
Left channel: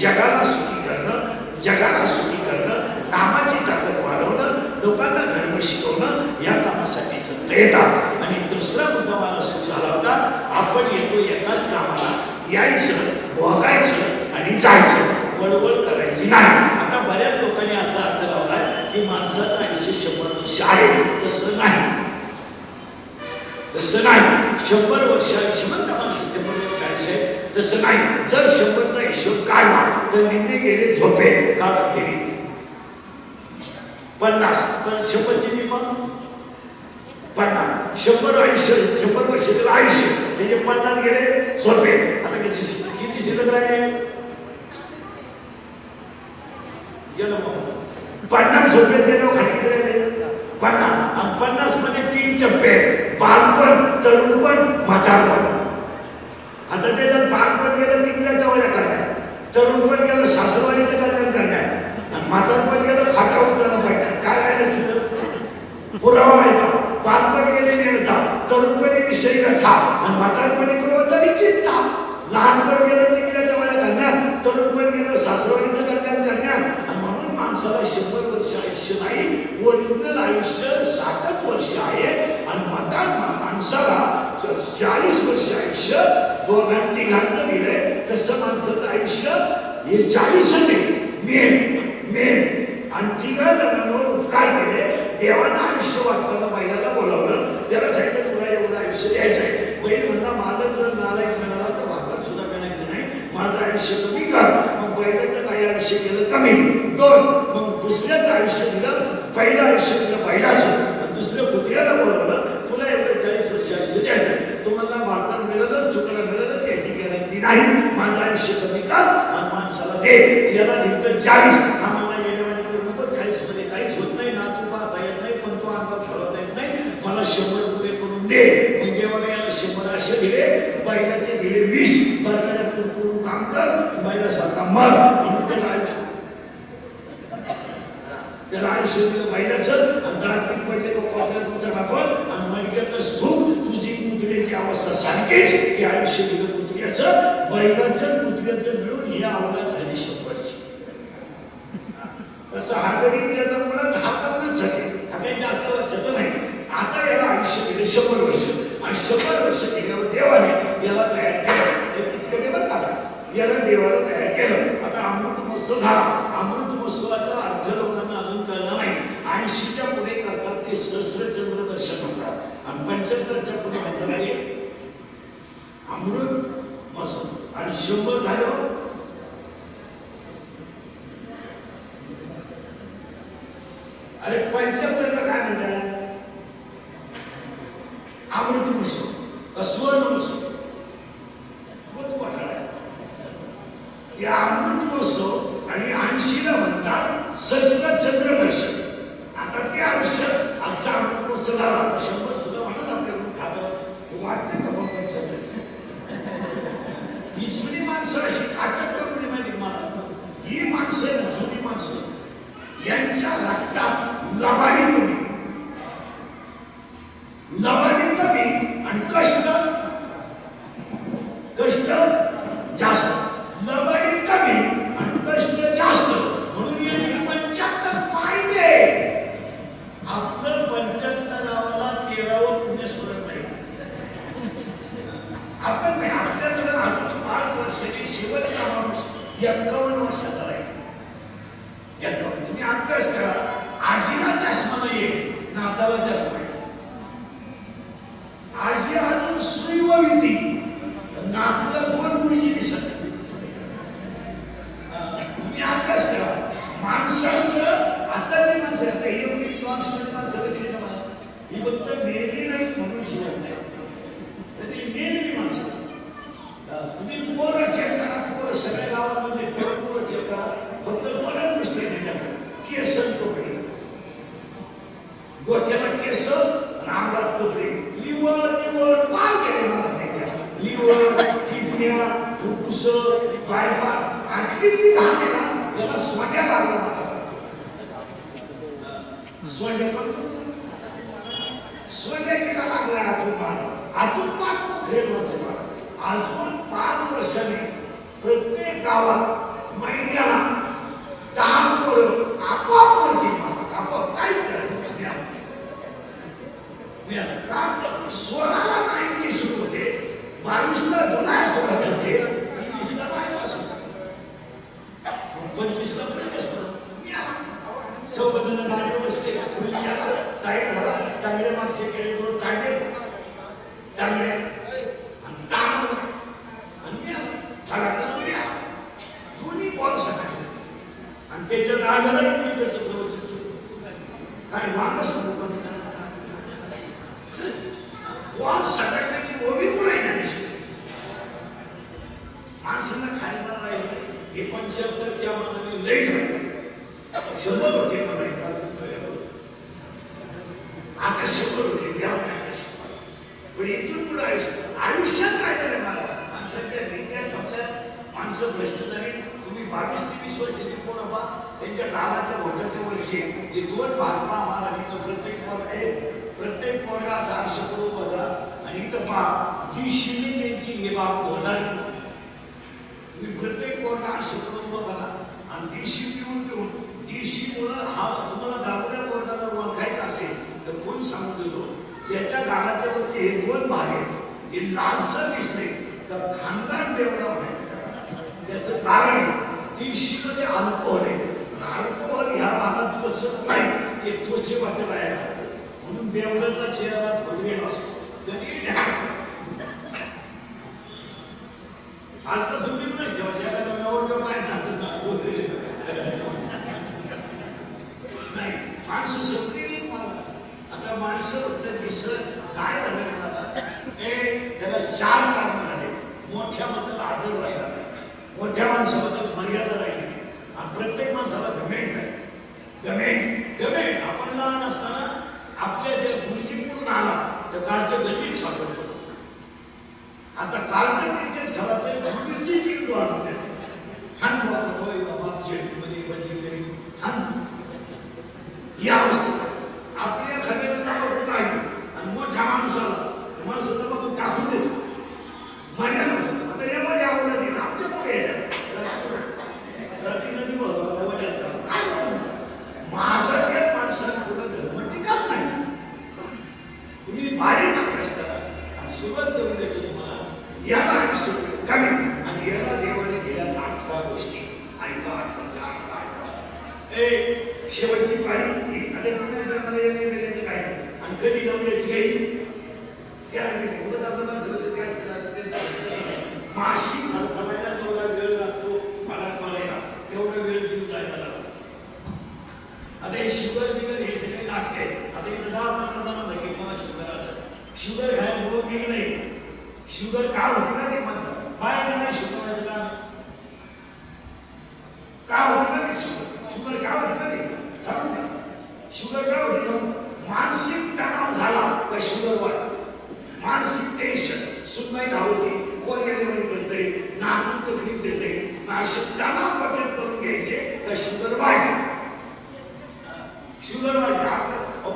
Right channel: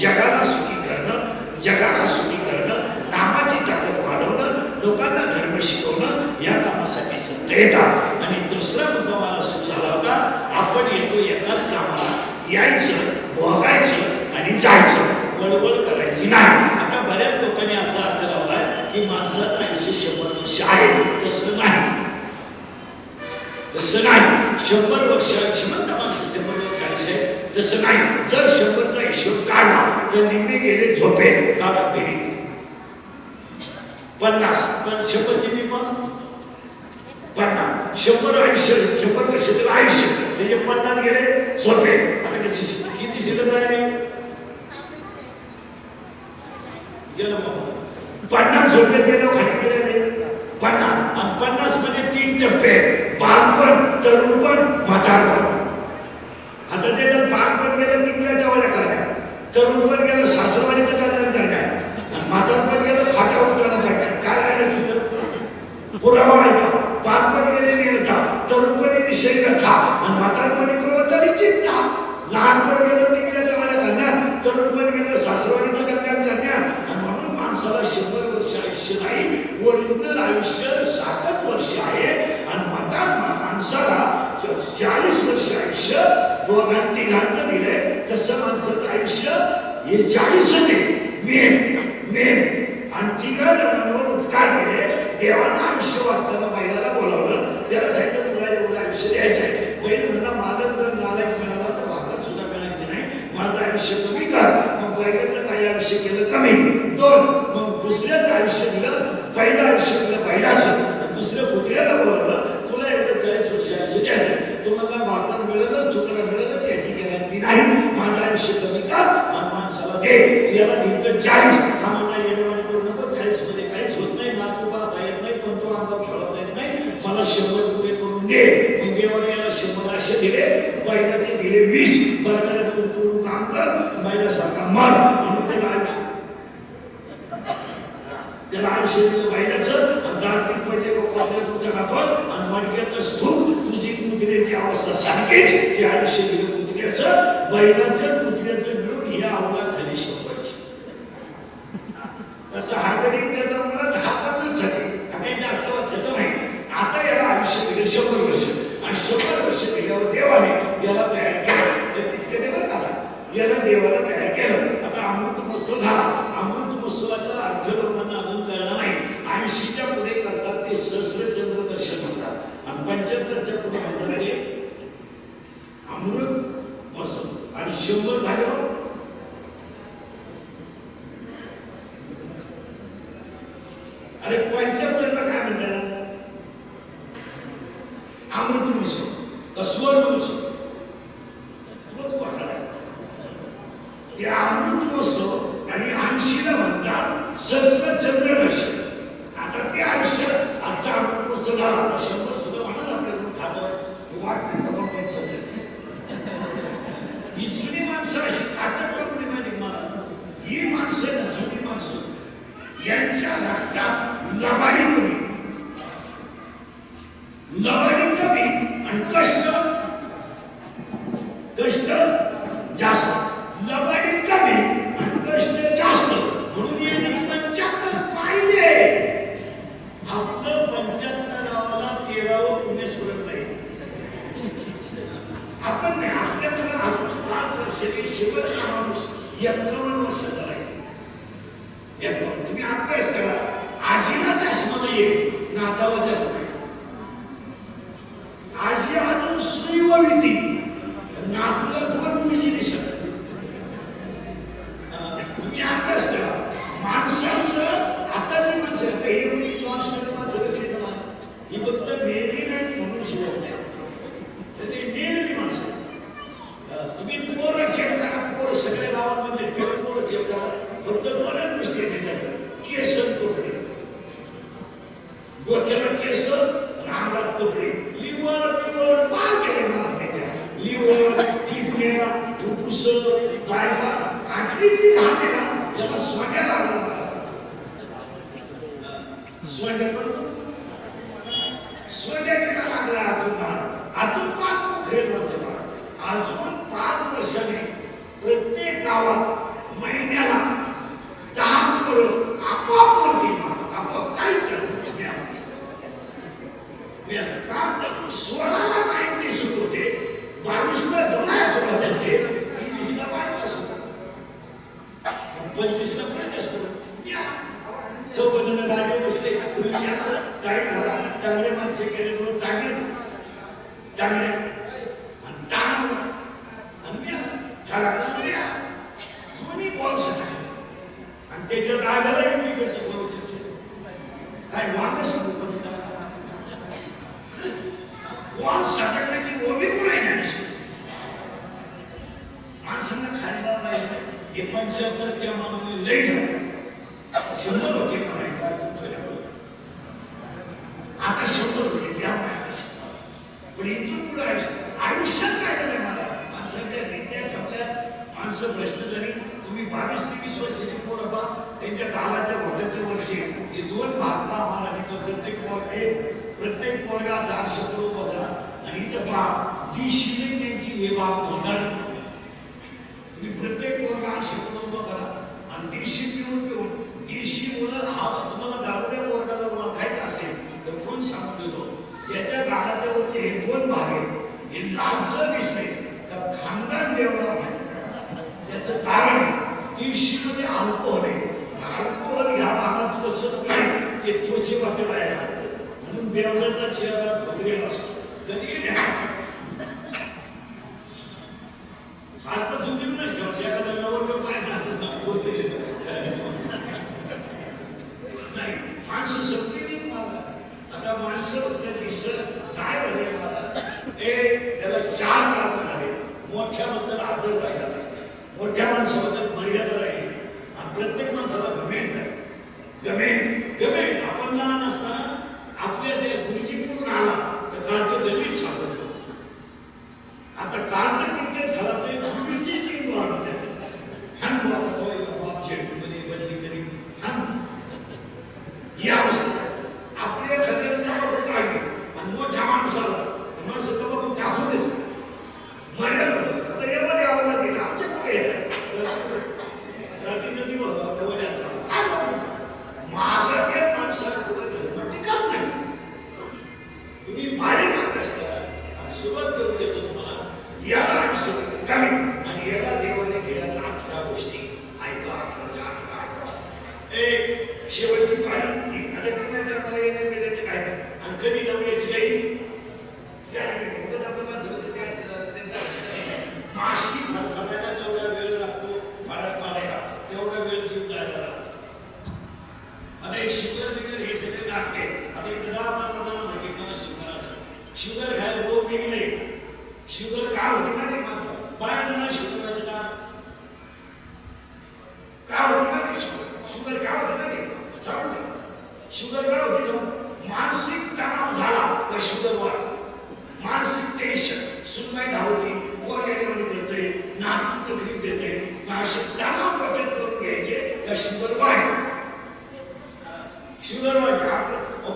जगाला सुखी करणं, जगाला सुखी करणं, नामाची ताकद वाढवणं, लोकांना धर्म शिकवणं, या कामासाठी संत येतात. आणि दुसरा मुद्दा मला सुरू झाला होता, आपण येतो एकाच कामाला, यायचं, भोगायचं आणि जायचं, वळवळ करायची नाही. आता बऱ्याच लोकांनी असा अर्थ लावलाय की माणसाचं आयुष्य 100 वर्ष आहे. तसं नाही, तसं नाही. 100 वर्ष श्रीमंत माणसं 100 वर्ष आयुष्य तसं नाही. जर 100चा हिशोब काढला तर निम्मे गेले झोपे काढा फेरीच 50, पण 100 ची निम्म 50, 100 आयुष्य 100 वर्ष आयुष्य म्हणजे 50 गेले झोपे. आता किती शिल्लक राहिले? गेलं बाबा 50 झोपे गेलो खाली गेले 50. आणि 50 मध्ये 3 टप्पे, बालपण, तरुणपण, म्हातारपण. आता त्याच्यात बालपण गेलं तिकडल्या जवळ करण्यात, तरुणपण गेलं सासरवाडीचं कल्याण करण्यात, आणि म्हातारपण गेलं खाटावर जाणं पाहिजे. काय राहिलं सुद्धा पुरावा आहे का? बालपण गेले निर्णता, तरुणपणी विषयी व्यथा आणि म्हातारपणी प्रवताली चिंता. लहानपण गेलं तिकडल्या जवळ करण्यात, तरुणपण गेलं सासरवाडीचं कल्याण करण्यात. आणि म्हणून माणसाला 100 वर्ष आयुष्य नाही, ओरिजिनल आयुष्य 60 वर्ष आहे. आणि माणसाला 40 वर्ष आयुष्य दोघांनी तिघांना दिलंय, तसं माणसाचं आयुष्य हे 40 होते मेन आणि तिघा जणांवर उपकार केले. देवानं आयुष्य वाचताना बैलाला बोलावलं, त्याला सांगितलं तुला एवढं आयुष्य द्यायचंय. बैल म्हणला माझं जर नालायक मिळाला तर भागात सुद्धा मिळायचं नाही, माझं आयुष्य कमी कर. मग बैलाचं काही आयुष्य केलं कमी 2. मग दुसऱ्याचं आयुष्य दिलं, पहिलं आयुष्य दिलं बैलाचं, दुसऱ्या कुत्र्याला बोलावलं तुला एवढं 40 वर्ष आयुष्य द्यायचंय. तुम्हाला भाकर मिळतच तुकडा मिळतच याची गॅरंटी नाही, माझं आयुष्य कमी कर आणि माणसाला दे. याला दिलं 40. हा मला येणेवाणी करू नको, 40 मध्ये काहीच होत नाही ना, तू पाहता येत नाही पण तो अंगात खेळता येत नाही, मला 100 रुपये करून दे. मग देवाने याला 100 असे दिले, बैलाचे दिले 20. बरकड्यातून तू काम कर, बैलासारखा मर. म्हणून त्याला आयुष्य दिलं बैलाचं आणि दार्थिक पडले आपण आणि मडक्यातलं सुख तुझी कुत्र्याची अवस्था सारखीच. ते आयुष्य दिलं कुत्र्याचं, बैलाचं कुत्र्याचं मिळून ही अवलाद झाली 100ची. तसं हा गरीब त्याचा मुलं 10-15 झाले, काही जास्त वर्षाचं नाही. आता याला आयुष्य दिलं 100 वर्ष आणि 100 वर्ष केल्यावर देवाने याला तयार केलं. तितकं देवं का याला देवाला तयार केलं. आता अमृत महोत्सव झाला. अमृत महोत्सवाचा अर्थ लोकांना अजून कळला नाही. 80च्या पुढे करतात ते सहस्त्रचंद्र दर्शन होतात आणि 75च्या पुढे म्हणतात ते अमृत महोत्सव आणि 100 झालं. अरे 75ला काय म्हणतात? अमृत महोत्सव का सुवर्ण महोत्सव? या अमृत महोत्सव आणि 80ला म्हणतात सहस्त्रचंद्र दर्शन. आता ते आयुष्य आजचा अमृत महोत्सव झाला, 100 सुद्धा म्हणाल आपल्याला खातं वाटतं का बाबा ही जुनी माणसं अशी खातात का कोणी माहिती मला? ही माणसं जुनी माणसं यांच्या रक्तात लबाडी कमी आणि कष्ट जास्त. लबाडी कमी आणि कष्ट जास्त म्हणून यांनी 75 पाहिजे. आपलं 75 गावाला 13वं पुण्य सोडत नाही. आपण नाही, आपल्याकडे अजून 5 वर्षाची शेवटचा माणूस 51 वर्षाचा आहे. तुम्ही अभ्यास करा. आजीला चष्मा नाहीये, नाताला चष्मा आहे. आजी अजून सुई वळती, नातूला 2 मुलीची दिसत. तुम्ही अभ्यास करा. माणसाचं आताची माणसं आता ही मुली क्लासमध्ये माणसं कसली का ही फक्त मेली नाही म्हणून शिवत नाही, तर ते मेलेली माणसं. तुम्ही पोरं चेक करा, पोरं सगळ्या गावांमध्ये पोरं चेक करा. फक्त 2 गोष्टी त्याच्याकडे, केस कपडे, डोक्याला केस आणि अंगात कपडे. लिव्हर पार केले मला त्याच्या. Liver, किडन्या, फुफ्फुस, bypass. आजली जी घाण आहे ना याला सोंड्या लागला मला. सोंड्या तिला लागला अजून 5 पोखरे वाजवा. अजून 5 वर्षाने प्रत्येक गावात महिन्याला 10 पोरं आपोआप वरती आपोआप काहीच करायचं. काम 16ला 90 सुरू होते, 22ला दुनास होते, 23ला बायपास होता, 25ला प्रदेश होता. 14 जण गाडीवर बसले, गाडी झाला, चांगल्या माणसे गेले, तांबे चांगल्या आणि ताण आणि दोन्ही बॉल सगळे आणि त्याच्या राजालाही मी काय मागच बॉल सगळ्याची ओबी कोणाला माणसांना खायला नाही. 75 त्या मानाने लई झाले, 100 होते आता 100 होते द्यावं नाही. पण इथून पुढे आयुष्यात काय झालं मला माणसांच्या रीत्या संपल्या. माणसं भ्रष्ट झाली. तुम्ही 22 ते 20 वर्षाची पोरं पहा, त्यांच्या काळाच्या मोठ्याच्या वर्षी हे 2 भाग पहा. मला प्रत्येक पोरगा 400 करोड बदला आणि इथं पहा जी शिल्लिक त्यांची हे भाव धरणार. तुम्ही प्रत्येक पोरगा 800 करोड बदला आणि देशी पिऊन देशीमुळं हा तुम्हाला दारुड्या पोरगा जर ओळखायचा असेल तर कोण सांगून देतो. ज्याच्या गाण्याच्या वरती हे 2 भाग आहेत ही लालसर दिसते तर खानदान देवना व्हायचं याचं कारण आहे की शीमध्ये अल्कोहोल आहे. अल्कोहोल ह्या भागात पोचत नाही ते पोचे वाटे बाहेर म्हणून देवदत्ता चेहरा भोगलेला असतो. कधी आता तुम्हीच ठेवायचं एखादा नवरदेव काय झालं भोगलेले नाही माणसं सत्य आता माणसं दिसत काय झाले त्याला चार कारण झाले. मोठ्याबद्दल आदर राहिला, मोठ्या माणसाबद्दल मर्यादा राहिली आणि प्रत्येक माणसाला गमेंट आहे. गमेंट आपण लहान असताना आपल्या त्या गुरुजीकडून आला तर कालचं गणित सापडलं. आता कालचं क्रिकेट खेळा ते गुरुजी चेंडू आला हान मध्ये बदली करी हान या अवस्थेत आपल्या एखाद्याला बघून काय आणि मोठ्या माणसाला माणसाला बघून टाकून देतो मर्यादा. आता यामध्ये आवडला गेला आमच्या पुढे काय माझ्यासारख्याच माणसाला पुढे धर्म टिकत नाही. तुम्ही बारीक अभ्यास करा आणि सुरुवात करून देतो तुम्हाला याला कमी आणि याला देवाने दिल्या 18 गोष्टी आणि 18 शेवटची पाळी आणि पुन्हा जर मला येणे गेल्याचे काय आणि कधी जाऊ याची काही माशी खळखळायला जेवढा वेळ लागतो पाण्यात पाण्याला तेवढा वेळ जीव जायला लागतो. आता एक शुगर बिगर हे सगळे नाटके आता इथं 10-15 माहिती मला शुगर असं शुगर घ्यायला रोग निघले. शुगर का होती ना ते म्हणतात बाहेर नाही शुगर का होती ना ते शुगर का होती ना ते सांगू शुगर का होती ना मानसिक तणाव झाला तर शुगर वाढ. मानसिक टेन्शन सुनवाई धावती कोण येणे करते नातून तकलीफ देते नाशिक तणाव बचत करून घ्यायचे तर शुगर वाढ. शुगर वाढ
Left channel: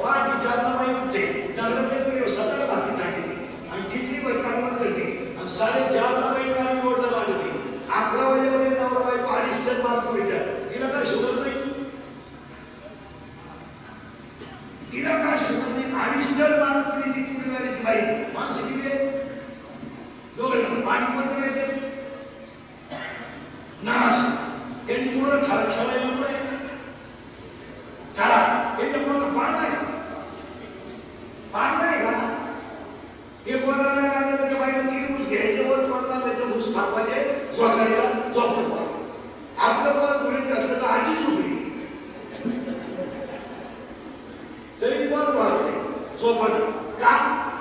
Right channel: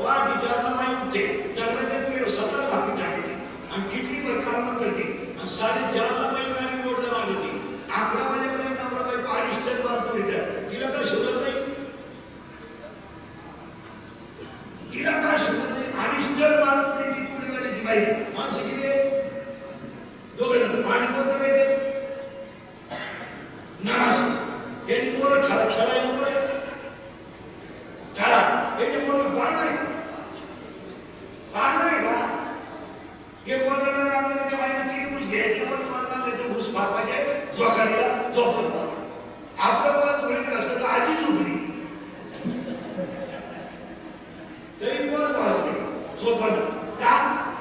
फार विचारला माहीत होते डगला सतत बातमी टाकली आणि किती कामं करते आणि 4:30 बाई गाडी रोडला लागते 11 वाजेपर्यंत नवरा बाई 5 टन माल मिळतात. तिला काय शुगर नाही, तिला काय शुगर नाही. 5 टन माल ती पुढे बाई माणसं किती दोघं पाणी कोणतं माहिती नाश याची पोरं खेळायला पुढे खेळा याच्या पोरं पाणी नाही का हे बोलायला लागलं त्याच्या बाईला 3 घुस घ्यायचे वर तुम्हाला त्याचे घुस भागवायचे झोकायला झोपत आपलं पोर झोळीत घातलं तर आजी झोपली तरी पोर वाहते झोपत का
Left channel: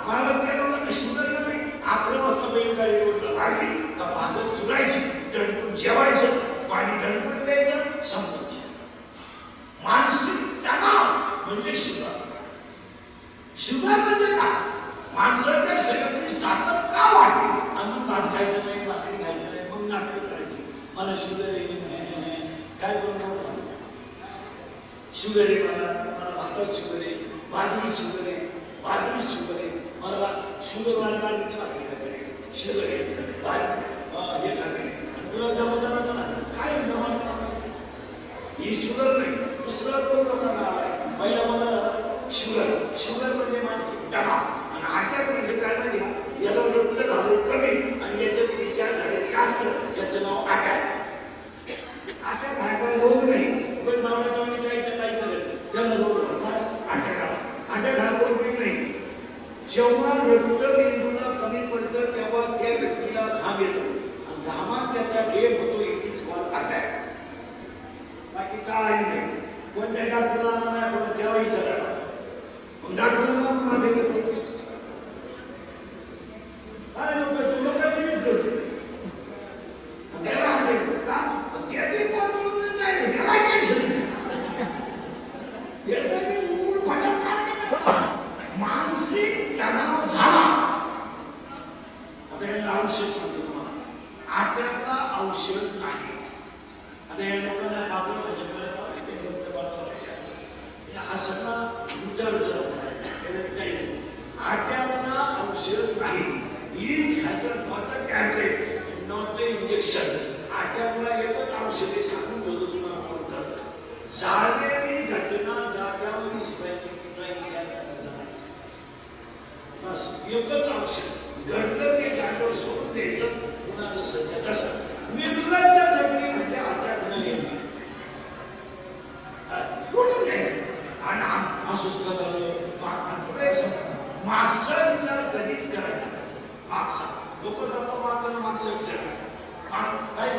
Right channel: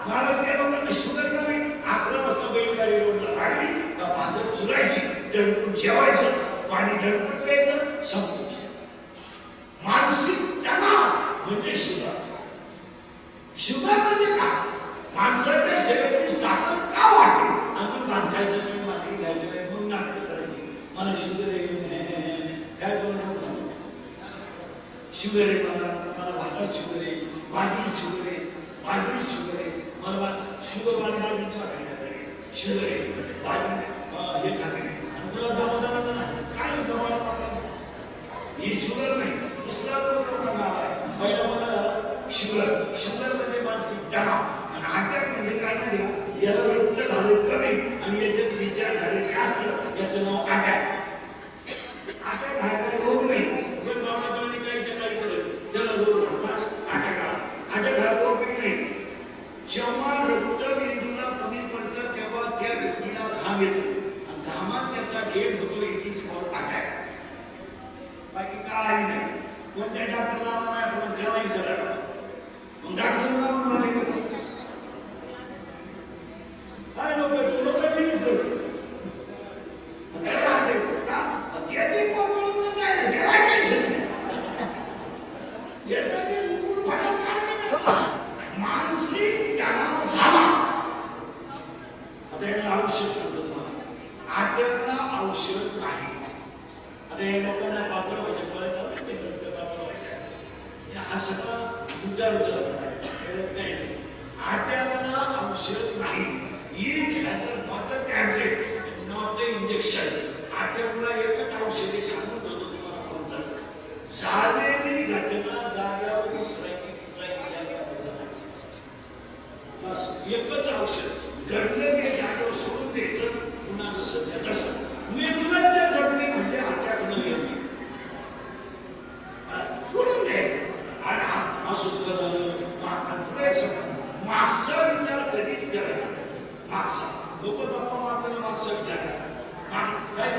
मला त्या लोकांना शुगर नाही. 11 वाजता बैलगाडी रोडला लागली का पातळ चुरायची दणकून जेवायचं पाणी दणकून प्यायचं संपायचं. मानसिक तणाव म्हणजे शुगर. शुगर म्हणजे काय माणसाच्या शरीराची ताकद का वाढते आणि मग भात खायचं नाही भाकरी घ्यायचं नाही मग नाटक करायची मला शुगर आहे काय करू शुगर आहे मला भातात शुगर आहे भाकरी शुगर आहे भाकरी शुगर आहे मला शुगर वाले बाजूची भाकरी खाते शुगर आहे बाजू हे खाते तुला जमत काय ही शुगर नाही दुसरा रोग लोकांना आलाय. पहिला मला शुगर म्हणजे मानसिक तणाव आणि अटॅक म्हणजे काय नाही याला रक्त झाले कमी आणि याच्यात विचार झाले जास्त याचं नाव अटॅक. अटॅक हा काय रोग नाही पण बाबा जाणे जायचं काही करत त्याला रोग अटॅक हा रोग नाही. जेव्हा रक्त मेंदूला कमी पडतं तेव्हा त्या व्यक्तीला घाम येतो आणि घामात त्याचा गेम होतो इथेच अटॅक. बाकी काय नाही. कोणत्या डॉक्टरला नाही आपण त्याला विचारायला मग डॉक्टरला नाव मारले काय लोक लिमिट करतो मानसिक तणाव झाला आता याला औषध सांगतो आट्यातला औषध नाही. आता या लोकांना कापड कशा हा सगळा विचारचं आट्याला औषध नाही. Tablet not injection. आट्याला एकच औषधे सांगून देतो तुम्हाला म्हणतात झालेली घटना जाग्यावर विसरायची तुमचा विचार करायचा नाही. बस एकच औषध घडलं मग माणसाला माणसं विचार काही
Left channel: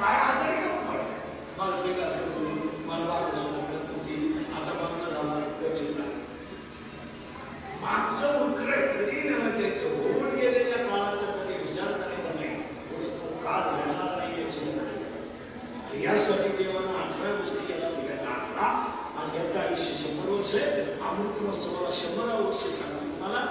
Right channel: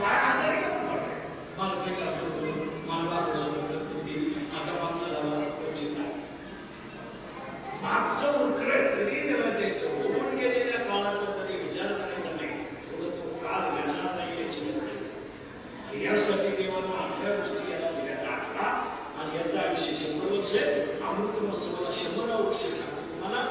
बाया आजारी का पडते मला पहिलं असं होतं मला बाळ असं होती आता बाबा झाला माणसं उकरे कधी त्याचं होऊन गेलेल्या काळाचा कधी विचार करायचा नाही पुढे तो काळ येणार नाही याची यासाठी देवानं 18 गोष्टी याला दिल्या 18 आणि याचं आयुष्य 100 वर्ष अमृत महोत्सवाला 100 वर्ष सांगून तुम्हाला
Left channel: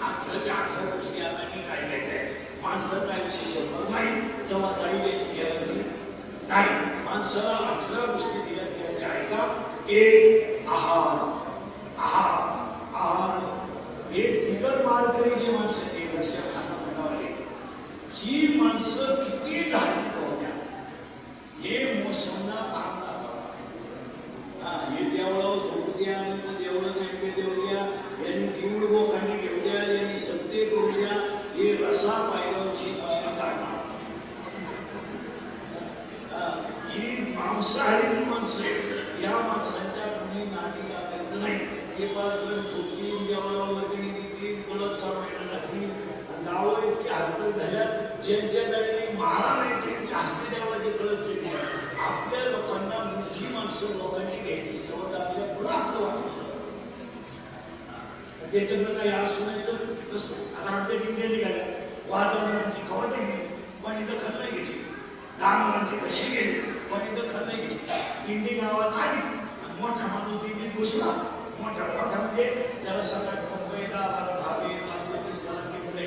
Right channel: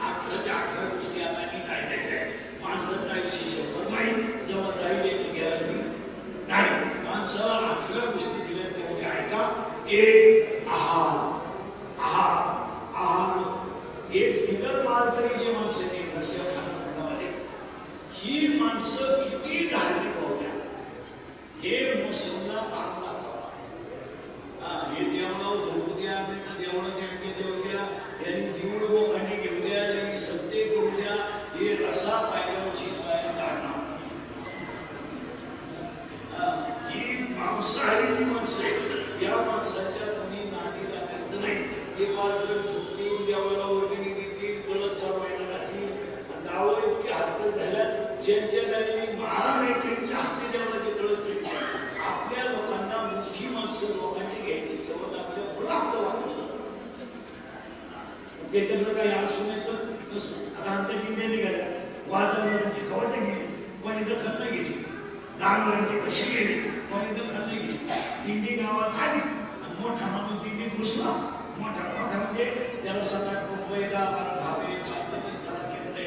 18 गोष्टी आता मी काय द्यायचं आहे माणसाचं आयुष्य 100 नाही जेव्हा जाईल याची गॅरंटी नाही माणसाला 18 गोष्टी दिल्या म्हणजे ऐका एक आहार एक बिगर मारकरी जी माणसं ती वर्षा खाली ही माणसं किती धार्मिक होत्या हे मोसमना भाग दाखवता हे देवळावर झोपू द्या देवळं देऊ द्या यांनी दिवड लोकांनी घेऊ द्या यांनी सत्ते करू द्या हे रसा पायऱ्यावरची पायऱ्या काढणार ही मांसाहारी जी माणसं आहेत या माणसाच्या कोणी नादी लागायचं नाही ते पासून झोपतील देवाला वर्गणी देतील परत सामायला लागतील नावं इतकी हरकत झाल्या ज्यांच्या दरीने महाराज त्यांच्या हस्ते देवाला जे कळत आपल्या लोकांना मुख्य माणसं लोकांनी घ्यायची सवय आपल्या पुढं आपलं वाटलं त्याच्यातलं काही असू नाही तर आता आमच्या किती निघाल्या वाजवणाऱ्यांची खवट गेली कोणी दखल नाही घेतली दागरांची कशी गेली कोणी दखल नाही घेतली दिंडी गावात आली आणि मोठा माणूस दिंडी पुसला मोठ्या मोठ्यामध्ये त्याला सकाळ मुंबई 10-12 धावे 20 घेतले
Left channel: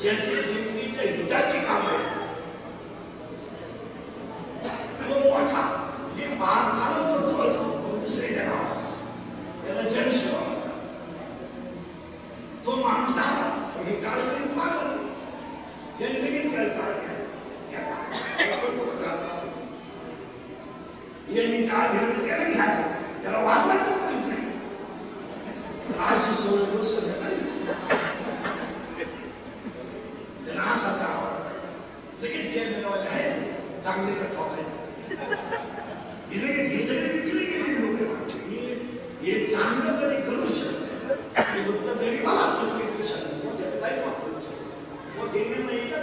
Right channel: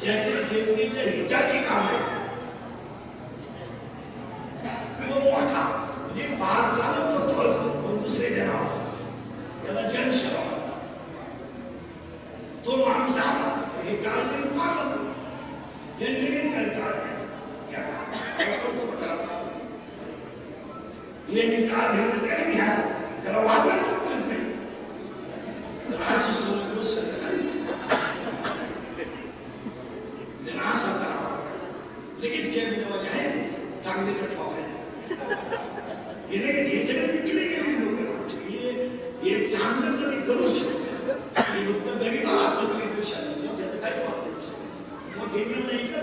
ज्याच्या शेतीच्या हिताची काम आहे तो मोठा म्हणजे भाग झाला तो दुसरे जनावर त्याला जनसेवा तो माणूस हे काळजी पाहून हे निमित्त करतात यांनी काळ घेऊन त्याला घ्यायचं त्याला वागवायचं नाही आज सुसवलं संध्याकाळी त्यांना असा लगेच गेले आहे चांगले तर ठोकायचे हे लगेच हे सगळे विकले गेले लोक हे चांगलं कधी करू शकत हे फक्त गरीबाला असतं त्याचं काय मग ते नाही का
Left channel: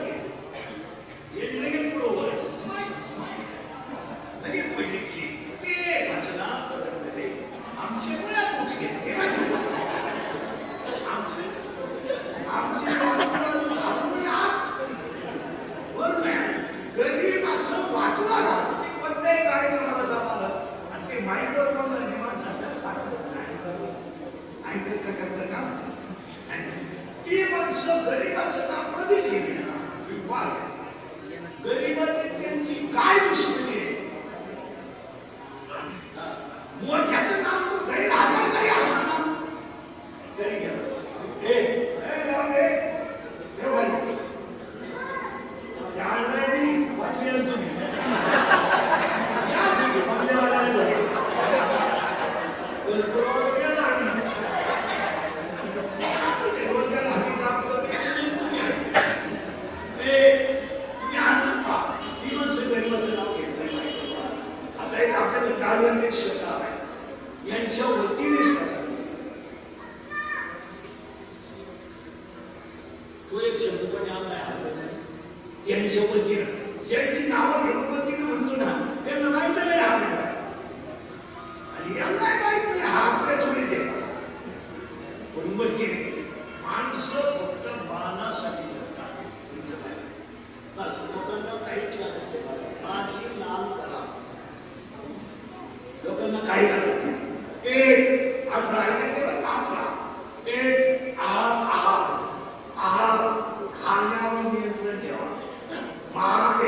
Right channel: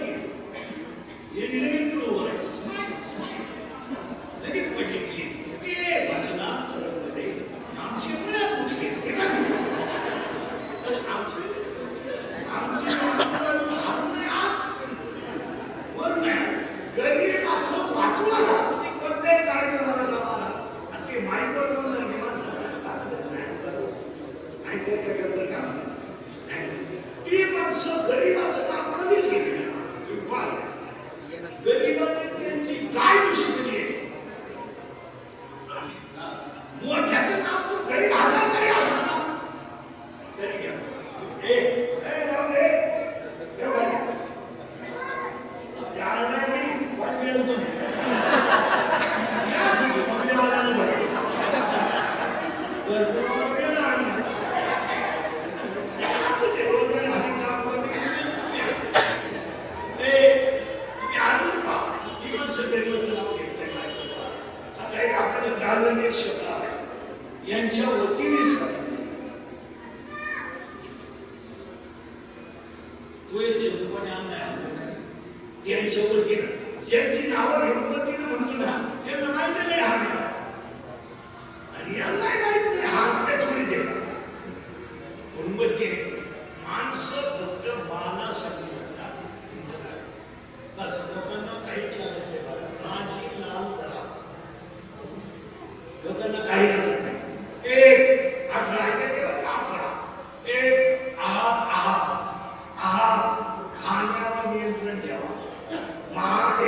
हे लगेच पुढं उभं राहायचं लगेच पडले की ते भजनात आमची मुळात उठली काय दुश्मनी आहे मोठ्याचं नाव तो गैर आधार काही असा ना तरी यांच्या वतीने त्यांच्या वतीनं ज्यांची नावं घेऊन वतीनं म्हणतो ना त्यांना माहिती नाही हा आणि यांना माहित नाही हा आपल्या थोडी देतात म्हणून वतीने माणसं फक्त मानासाठी जगतात बस लोकांना काही माझी नाव करा लोकांना काही लागत नाही एक 18 18 एक आहार खाण्यावर नियंत्रण ठेवा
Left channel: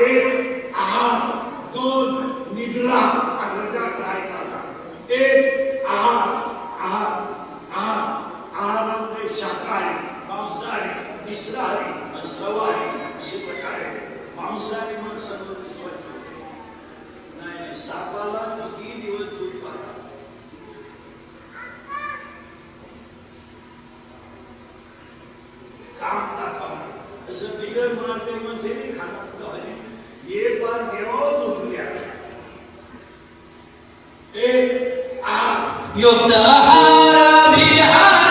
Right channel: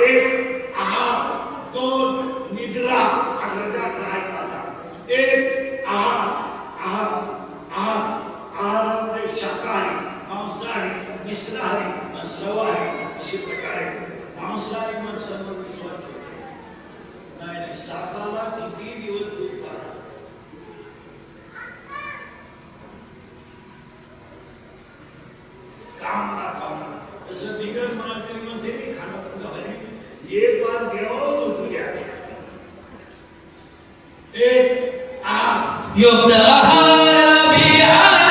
एक आहार 2 निद्रा 18 एक आहारामध्ये शाकाहारी मांसाहारी मिश्राहारी आणि सर्वाहारी अशी प्रकारे मांसाहारी माणसं नाही सापाला किती दिवस दूध पाहा काम दाखवणार असं बिगर मला तरी म्हणजे नाही खाणं ये बार देवावर झोपू द्या एक युक्त आहार विहार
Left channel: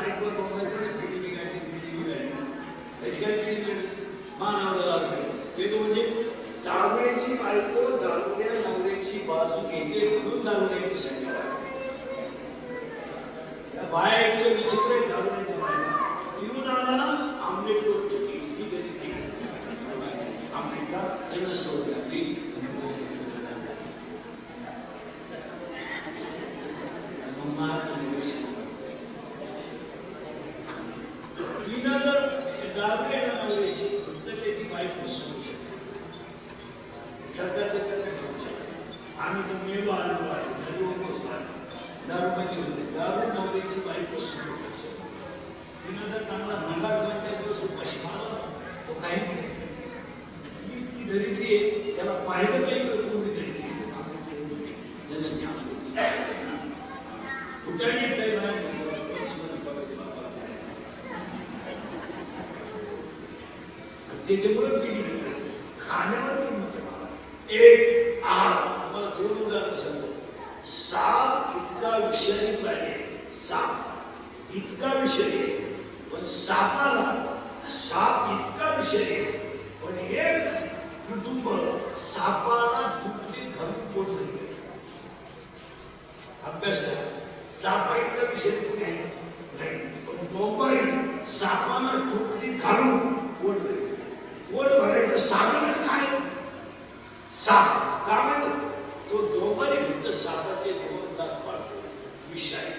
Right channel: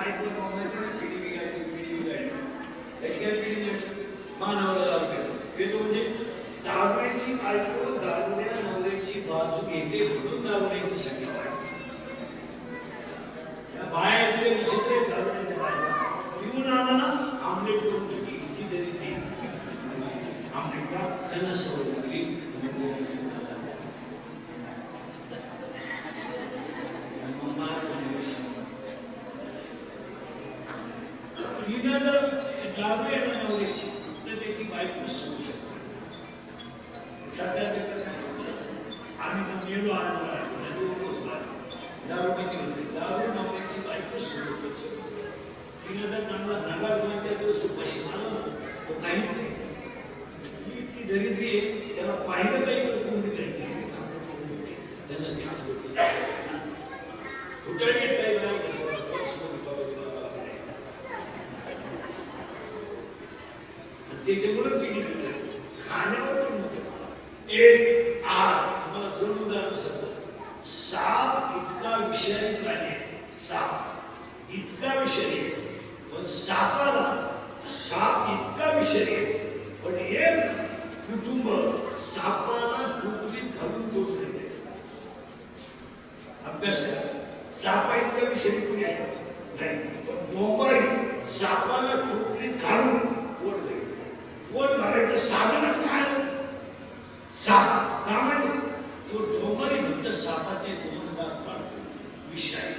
बायको दोघांची पिढी बिघाडली. कशी काय पिढी मानावर दारू हे तो म्हणजे दारुड्याची बायको दारुड्या नवऱ्याची बाजू घेते म्हणून दारुड्याची शक्यता वाढते. बाया इतके विचित्र आहेत दारुड्याच्या बायका. पिऊन आला ना आमलेट करून ठेवली इतकी तरी नाही आमलेटला त्यांना सवय लागली. तिला जर दाबे नवऱ्याची तर त्याची बायको सोडू शकते. सरकारने आम्ही तर मेलो आलो दारू किती होते दारू नवऱ्याची बायको सोडू शकते. तिने जर चांगला भंगार 2-4 दिवस उपाशी मारला तो काहीच नाही. ती दरिद्री आहे त्याला पाहिलं काही तर कोणती दरिद्री त्याला ती असतो फुटाणे टाईप नाही त्याच्यामुळे पिढी बिघडली. खाण्यावर किंमत एक आम्हाला 2 उदाहरण सांगतो. साप इतका विषारी प्राणी आहे. साप इतका विषारी आहे पण सापाला साप इतका विषारी आहे पण एक कुटुंब सापाला कुठली घालून पोचले. अभ्यास करा. सापा इतका विषारी कोणी आहे नाही पण लोक सापाला कुठली घालून पोचले. पोट भरायचं साधनच काय साप का म्हणजे तो दोघांनी फक्त सापाचे 2 दात पाडतो विषारी.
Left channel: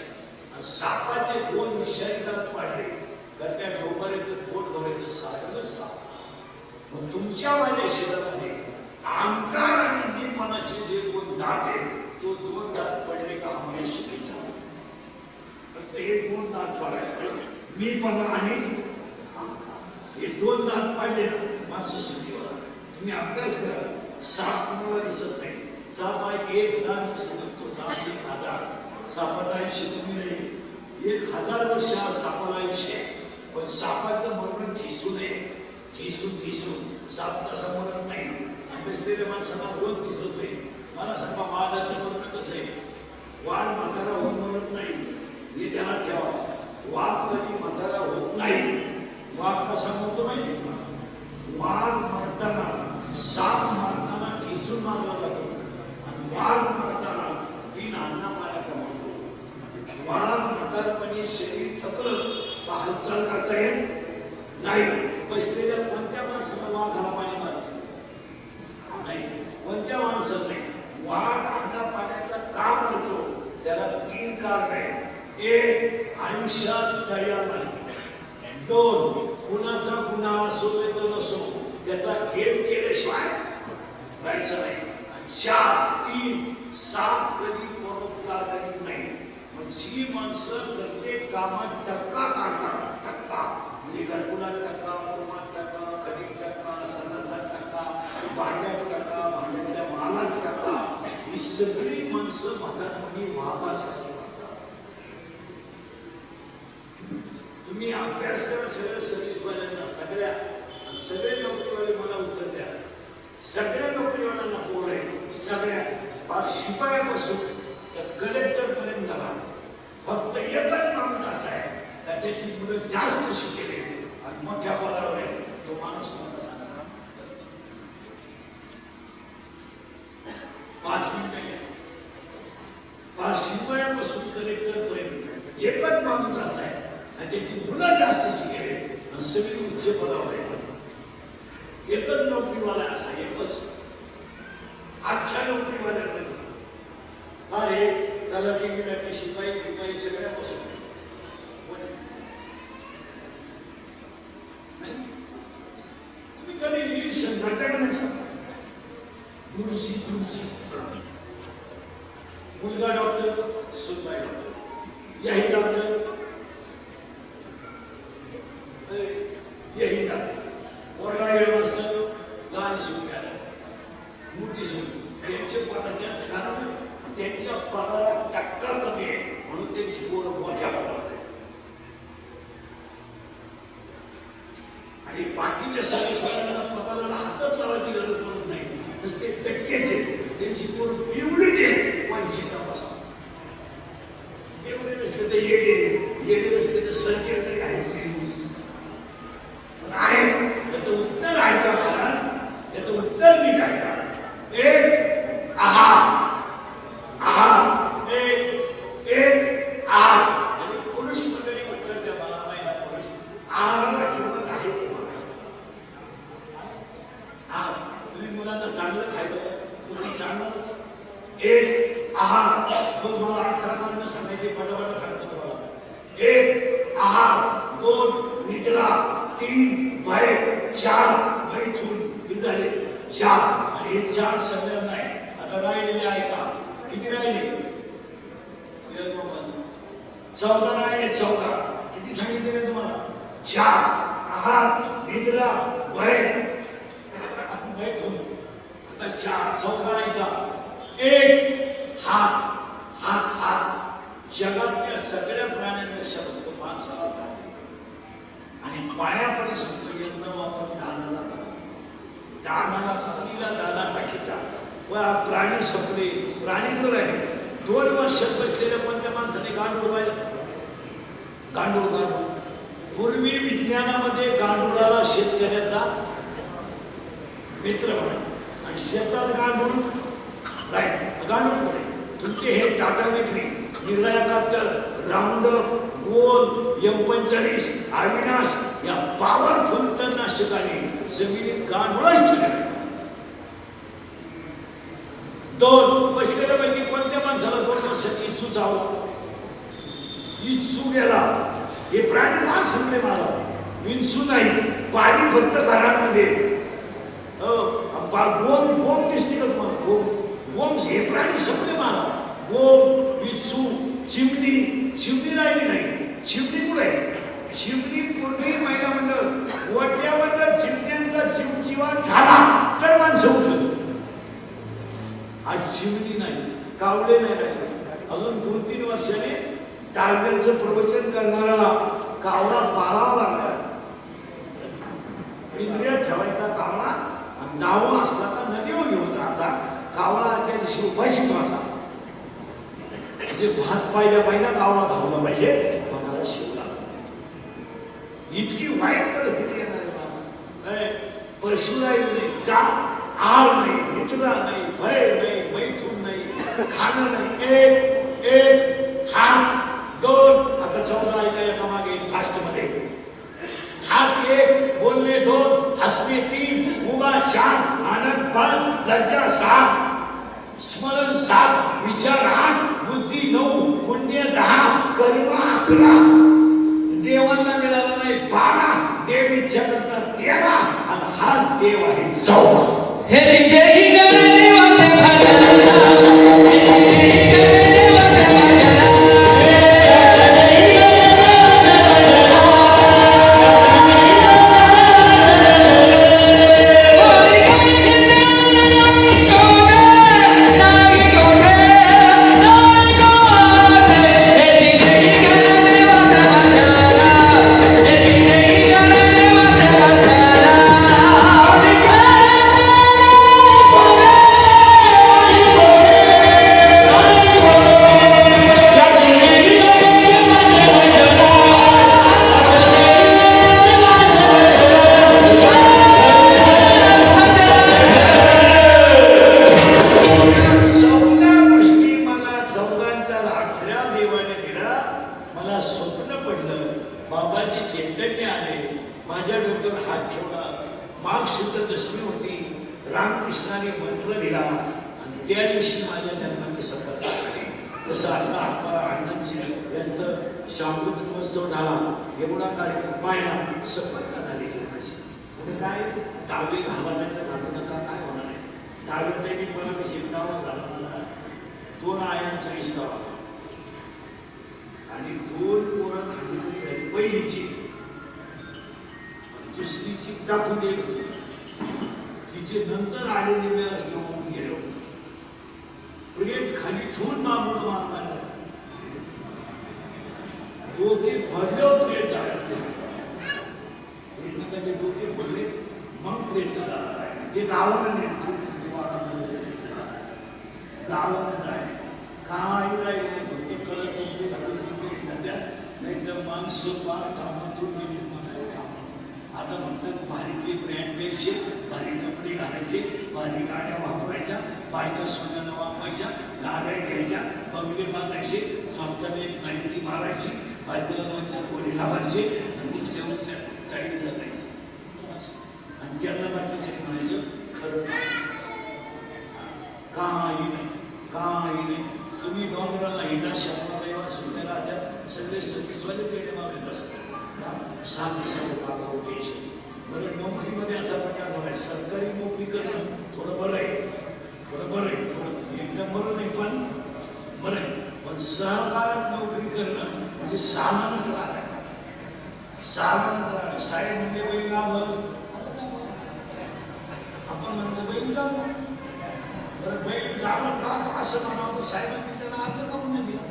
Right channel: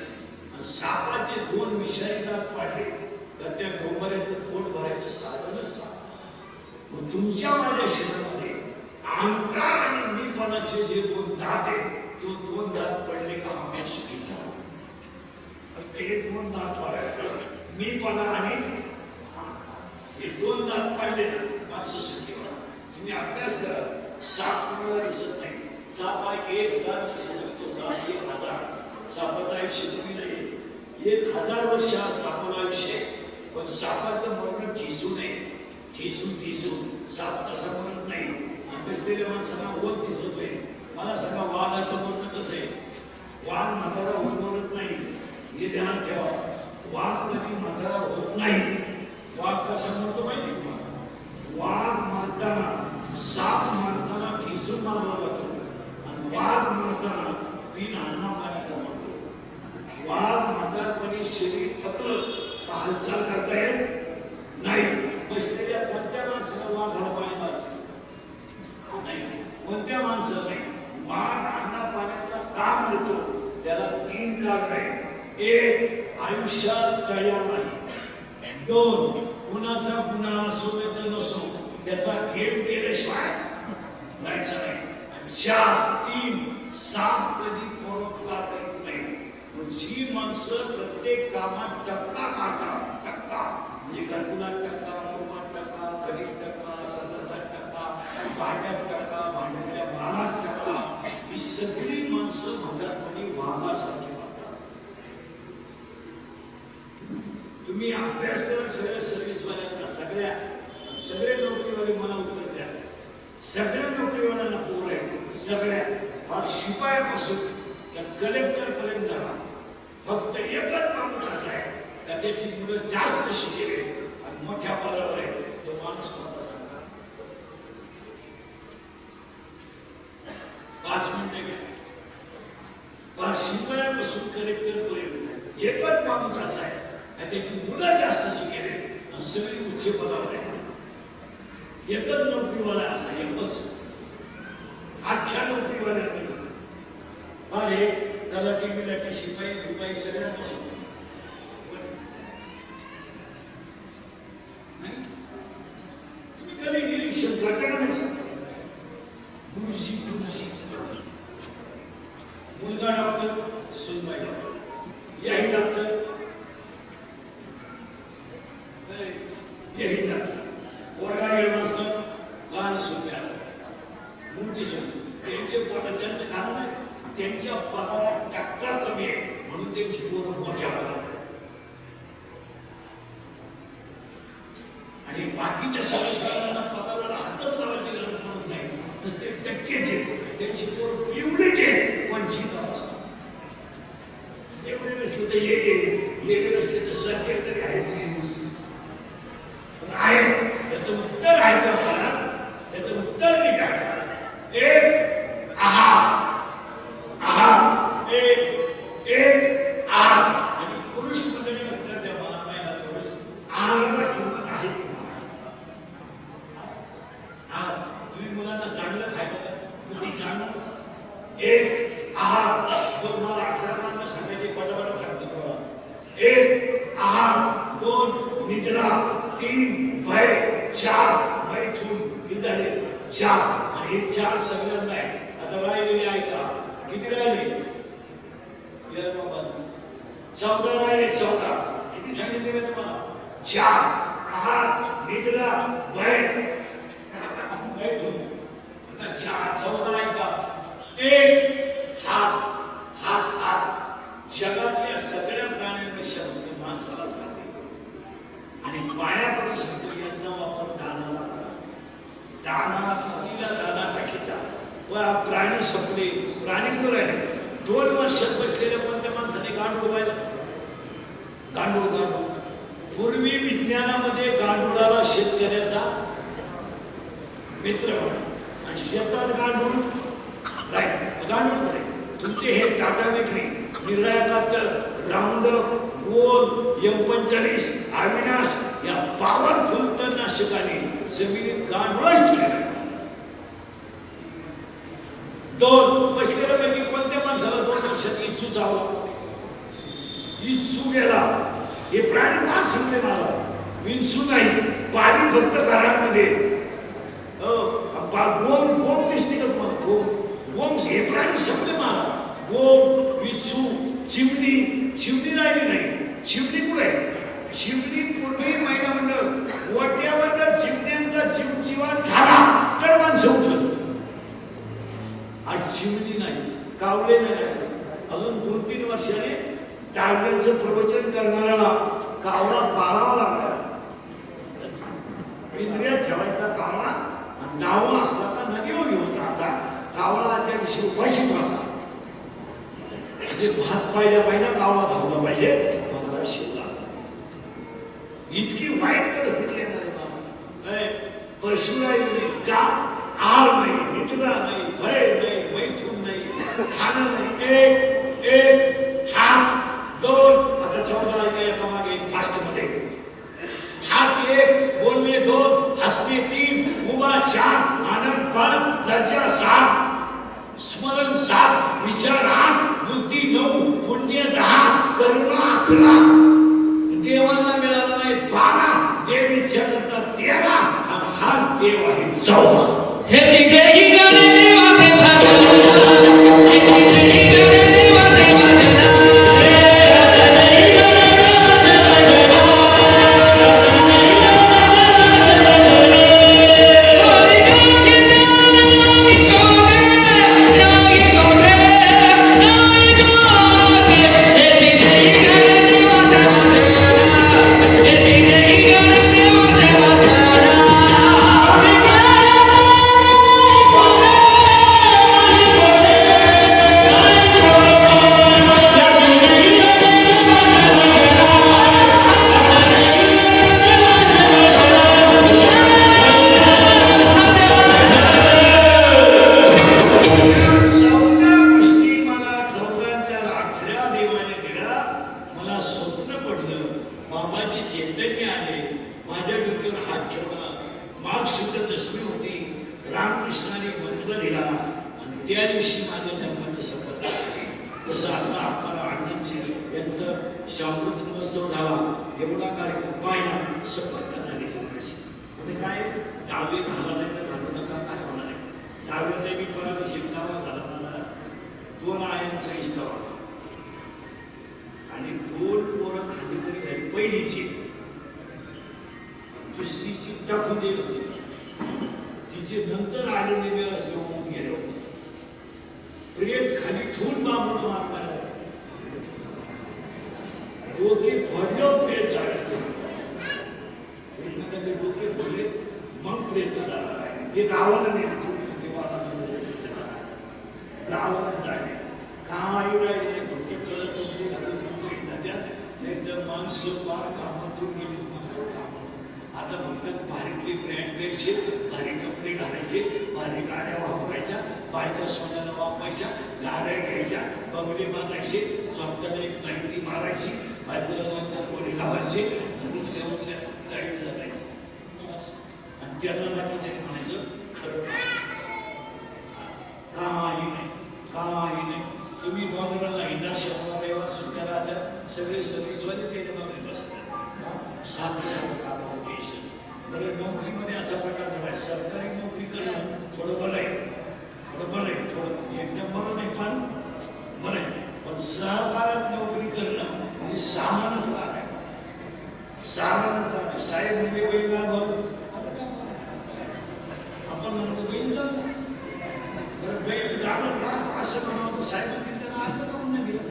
सापाचे 2 विषारी दात पाडले तर त्या डोंगराचं पोट भरायचं साधनच साप. मग तुमच्या माझ्या शरीरामध्ये अहंकार आणि मीपणाचे जे 2 दात आहेत तो 2 दात पडले का आम्ही सुखीचा. फक्त हे 2 दात पाडायचं मीपणा आणि हे 2 दात पाडले ना माणसं सुखी होणार. तुम्ही अभ्यास करा. साप तुम्हाला दिसत नाही. साप हा 1000 सांगतो. साप 1000 सापाचं आयुष्य तुम्ही नाही 1000 वर्ष सापाला आयुष्य. पण सापाचं मरण ठिसू नये. ठिसून साप तसा मरत नाही. बसलेल्या माणसाला रोज दिसतोय. मला सांगा वाघाचं मरण कसं आहे. वाघ म्हातारा होऊन मरत नाही हे ध्यानात ठेवा. वाघ कधी म्हातारा होत नाही. वाघ कसा करतो माहिती का. वाघ मारताना साप मारताना ठिसून मारला जातो आणि वाघ मारताना बिना अन्ना पाण्याचा मारतो. वाघ म्हातारपणी शरीर थकलं तर हालचाल करता येत नाही. बसलेल्या कोणत्या माणसाला वाघाला पाणी मारते नाही. कोणत्या माणसाला नाही. वाघ अन्ना पाण्याचा का मारतो त्याला 3 कारण आहे. 1 आयुष्यात तयार नाही. 2 कुणाचा गुन्हा असो तर नसो त्याचा घेप केल्याशिवाय जायचं नाही. 4 साप कधी परोपकार करीत नाही. मग जी माणसं प्रत्येक कामात टक्का काढतात टक्का म्हणजे घरकुलात टक्का कुटुंबात टक्का कधी टक्का सदस्यात टक्का भांड्यात टक्का भांड्यातल्या मालात टक्का ही सगळी माणसं म्हातारपणी महागासाठी म्हणतात. तुम्ही अभ्यास करा. सर्व्हिसवाल्यांचा सगळे नोकरीवाले मला उत्तर द्या. सगळे नोकरीवाल्यांना पोर आहे. सगळ्या शिपायापासून त्या कलेक्टर पर्यंत झाला. फक्त एकच माणूस असा आहे तर त्याची पुढे जास्त शिकेले आणि मोठ्या पदावर नाही. तो माणूस कोणता सांगता 5 मिनिटं घ्या. शिपायापासून कलेक्टर पर्यंत एकच माणूस असा आहे आणि त्याची मुलं जास्त शिकेले आणि सगळी उच्च पदावर आहे. एकच नोकरीवाला असा एकच. अख्ख्या नोकरीवाल्यांना अरे त्याला टिकिटाची शिपाई बिपाई सगळ्या बसवतो नाही. तुम्ही कधी निरीक्षण करता का नाही सांगा. गुरुजी मुलगा डॉक्टर सुनबाई डॉक्टर याही डॉक्टर यही डॉक्टर वर्गा गेला असतं लहान सुनबाई मोठी सुन त्यांचे पद त्यांचं कारण आहे. त्यांच्या पदाला टक्का कमी आहे म्हणून त्यांची पोरं मोठ्या पदावर आहे. आणि बाकीच्या सर्वसाधारण पदाला हातच लावायची गरज पडत नाही. नुसते टक्केच आहेत. त्यांची पोरं एवढीच आहे 25 एवढे नसते तर 1 आहार, 2 निद्रा, 3 भय, 4 मैथून. किती झाले? 4. आणि हे 4 सगळ्यांना आहे. आता राहिलेले ऐका. किती राहिले? 14 राहिले. 14 किती सांगितले का तुम्हाला? 4 आहार, निद्रा, भय, मैथून. आता 4 14 ऐका. 1 हात. जगातल्या सगळ्या प्राण्यांपेक्षा फक्त माणसाला जाते आणि पायामध्ये शब्द यांना वापर दानाला पत्नीला दाना टाकीचा. प्राणी संपले. प्राणी कुठं आहे? 2 वर्ष बसलेल्या पण त्या माणसाने गांडूळ व्हायला. गांडूळ. पूर्वी विज्ञानामध्ये गांडुळाला शेतकऱ्याचा मित्र म्हणा आणि शेतात गांडूळ राहील. गांडूळ पडे तुमचे हे टाटा विक्री निर्णायकात राऊंड गोल M45 अविनाश या पॉवरफुल तणनाशकाने जमिनीत गांडूळच ठेवले. 2 बसलेल्या पैकी कोणत्या माणसाला 2 वर्षात इच्छू चावला? इच्छू गेला. हे प्राणी फार संपले मला. विंचू नाही. पाणी फक्त घरांमध्ये. गोम दिसते का तुम्हाला? गोम हे प्राणी संपले मला. गोम, विंचू, चिमणी राहिली नाही. चिमणी कुठे आहे? चिमणी पूर्वी महिना मंडळ ओट्यावर चिमण्यांचा चिमचिवाट झाला तर माणसं उठत. आज चिमणी नाही. कावळे नाही राहिले. अजून 2-3 वर्षाने टाळ्यांचं प्रवचन करणाऱ्याला कावळा पाळावा लागला. पिंजऱ्यात ठेवायचा कावळा आणि नाव असला तर नदीवर घेऊन राहता. कावळा त्या दिवशी उपाशी होता. म्हणजे भात पाहिल्या कावळा धावला पाहिजे. मनाला शिवला. इतकी वाईट परिस्थिती येणार. पशु राहिली नाही. का? आळ नाही, निद्रा नाही, भय नाही, मैथून नाही, खाणं नाही. 1 हात, 2 आता 14 ऐका एका मागे फास्ट मध्ये. हात 1, बोलणे 2, हसणे 3, उभा 4, आनंद 5, लज्जा 7, स्मरण 7, विचार 8, बुद्धी 9, पुण्य 10, करुणा 11, देवांना मिळाला नाही 12, देव इच्छा करतात 13 आणि हाच देव आहे 14. हे जिंदगी गाणे देवाचे भजन. तुम्ही डोंगराला हिंडा शहराला सुट्ट्या राहत्या सगळे सर्विस शिकवायला त्याच्या मागे नसतं सात सात देश बरं नोकरीमध्ये असा प्रकार झाला सरकारी नोकरी करणं थोडं बरं आहे थोडं एकदम बरं नाही पण बरं आहे पण सहकार्यात नोकरी करणं म्हणजे सामानच राहणं साहेब म्हणजे बैल लाभ आपण म्हणतो बैल लाभ बरं बैल लाभ असं म्हणतो साहेब त्याला अर्थ का म्हणून दिलं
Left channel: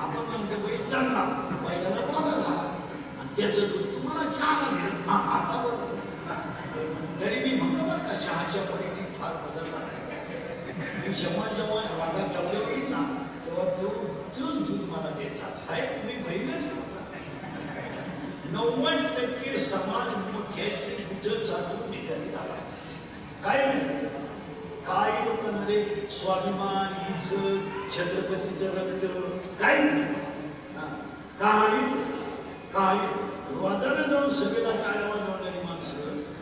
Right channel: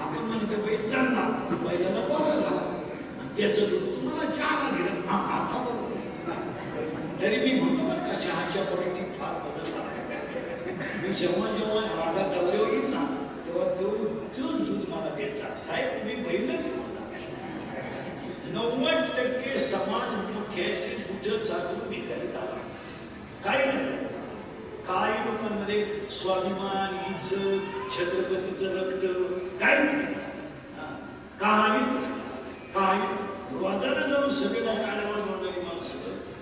आपण म्हणतो बैल जाणला बैलाला बोला झाला आणि त्याचं तुम्हाला चहा दिलं आता बरोबर तरी मी म्हणतो बरं का चहाच्या क्वालिटीत फार बदल झाला मी जेव्हा रागात डबले येईल ना तेव्हा तोच दूध मला द्यायचा साहेब तुम्ही बैलच 90% समाज मोठ्याची कुठं चालू नेत्याने झाला काय नाही काही लोकांमध्ये स्वाभिमान इज्जत छत्रपतीचं रक्त काही नाही काही रोजानं जाऊन सगळ्याला टाळ्यावर जोडणारी माणसं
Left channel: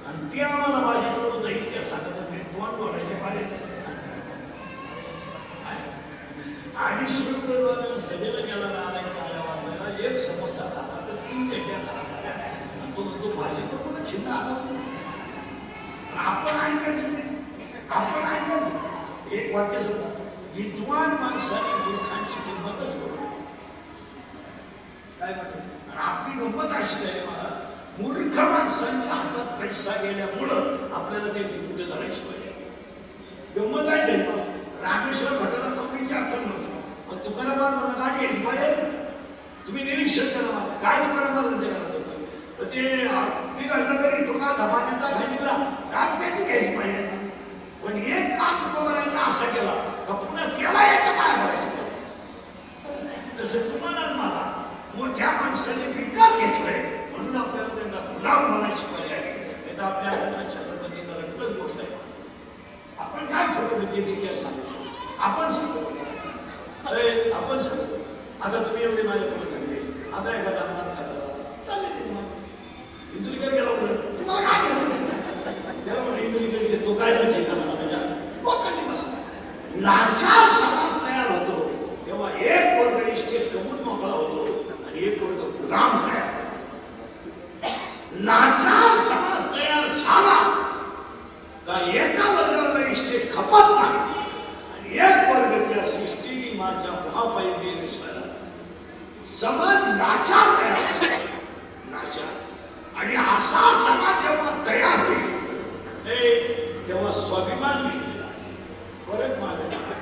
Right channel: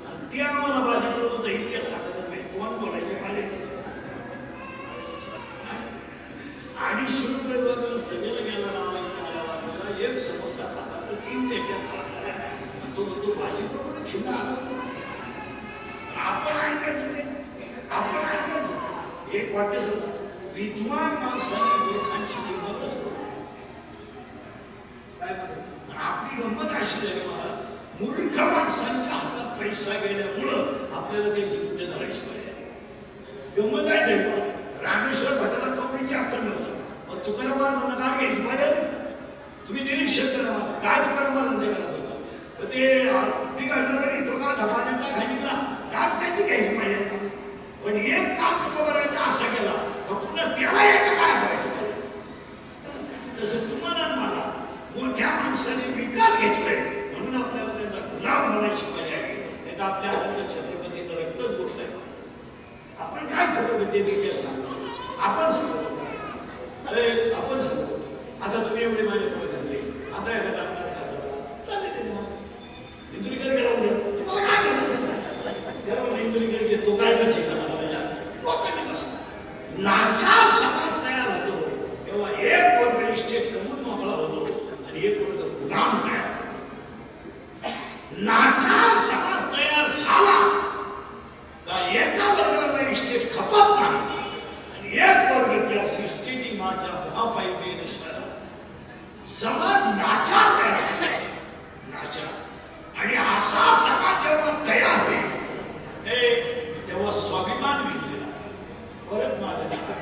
आणि ती आम्हाला बाजी करून जाईल त्या साठामध्ये तोंड बोलायचे पाले 250 रुपये रोजानं सगळ्याला गेला एक समोसा खाता तर 3 चेट्या खाला तो भाजी करून खिल्ला आपण ऐकायचं नाही आपण ऐकायचं एक वाक्य सुद्धा विद्वान माणसाने लोकांची किंमतच करू काय म्हणतात आपली गंमत अशी झाली मला मूर्ख माणसांच्या हातात पैसा गेल्यामुळं आपल्याला त्यांची कुठे करायची पाहिजे गंमत आहे तरी रामेश्वर भटाला कवडीची आखण नव्हती पण तुकारामांना गाठ घ्यायची पाहिजे तुम्ही निरीक्षण करा काय तुकारामांना द्यायला तर ते निघालं तरी तुका धमान्याचा घालीला गाठ त्याची घ्यायची पाहिजे पण एक काम तुका बनायचं असं केला का पुन्हा तेव्हा याचं काय करायचं तसं तुम्हाला मला मोठ्या माणसाने विकत घेतलंय म्हणून आपल्याला त्यांना गुलाम बनायची पाहिजे आहे नाही तर आपल्या हातात छत्रपतीचं रक्तच बोललंय आपण काय छत्रपती देखील सांगतो आपण सांगतो आपण सांगतो आता तुम्ही एवढे माझ्या पुढे घडले आता एखादा आमदार खातात चालले ते तुम्हाला इंदुरीकर गेला म्हणजे तुम्हाला काय केलं तेव्हा इंदुरीकर घेतो काय करायचं लोकांनी बसला लाचार समाज तयार होतो तेव्हा एक वर्ग इस्टेट कमून मोकळा होतो आणि एक वर्ग गुलाम तयार लाचार समाज तयार झाला का एका वर्गाला इस्टेट खपत नाही आणि एक वर्ग त्या सृष्टीने माझा महापाई समाज नाचार तयार नाचार आणि असा समाज जेव्हा तयार होईल तेव्हा स्वाभिमान विकलेला परत माझ्या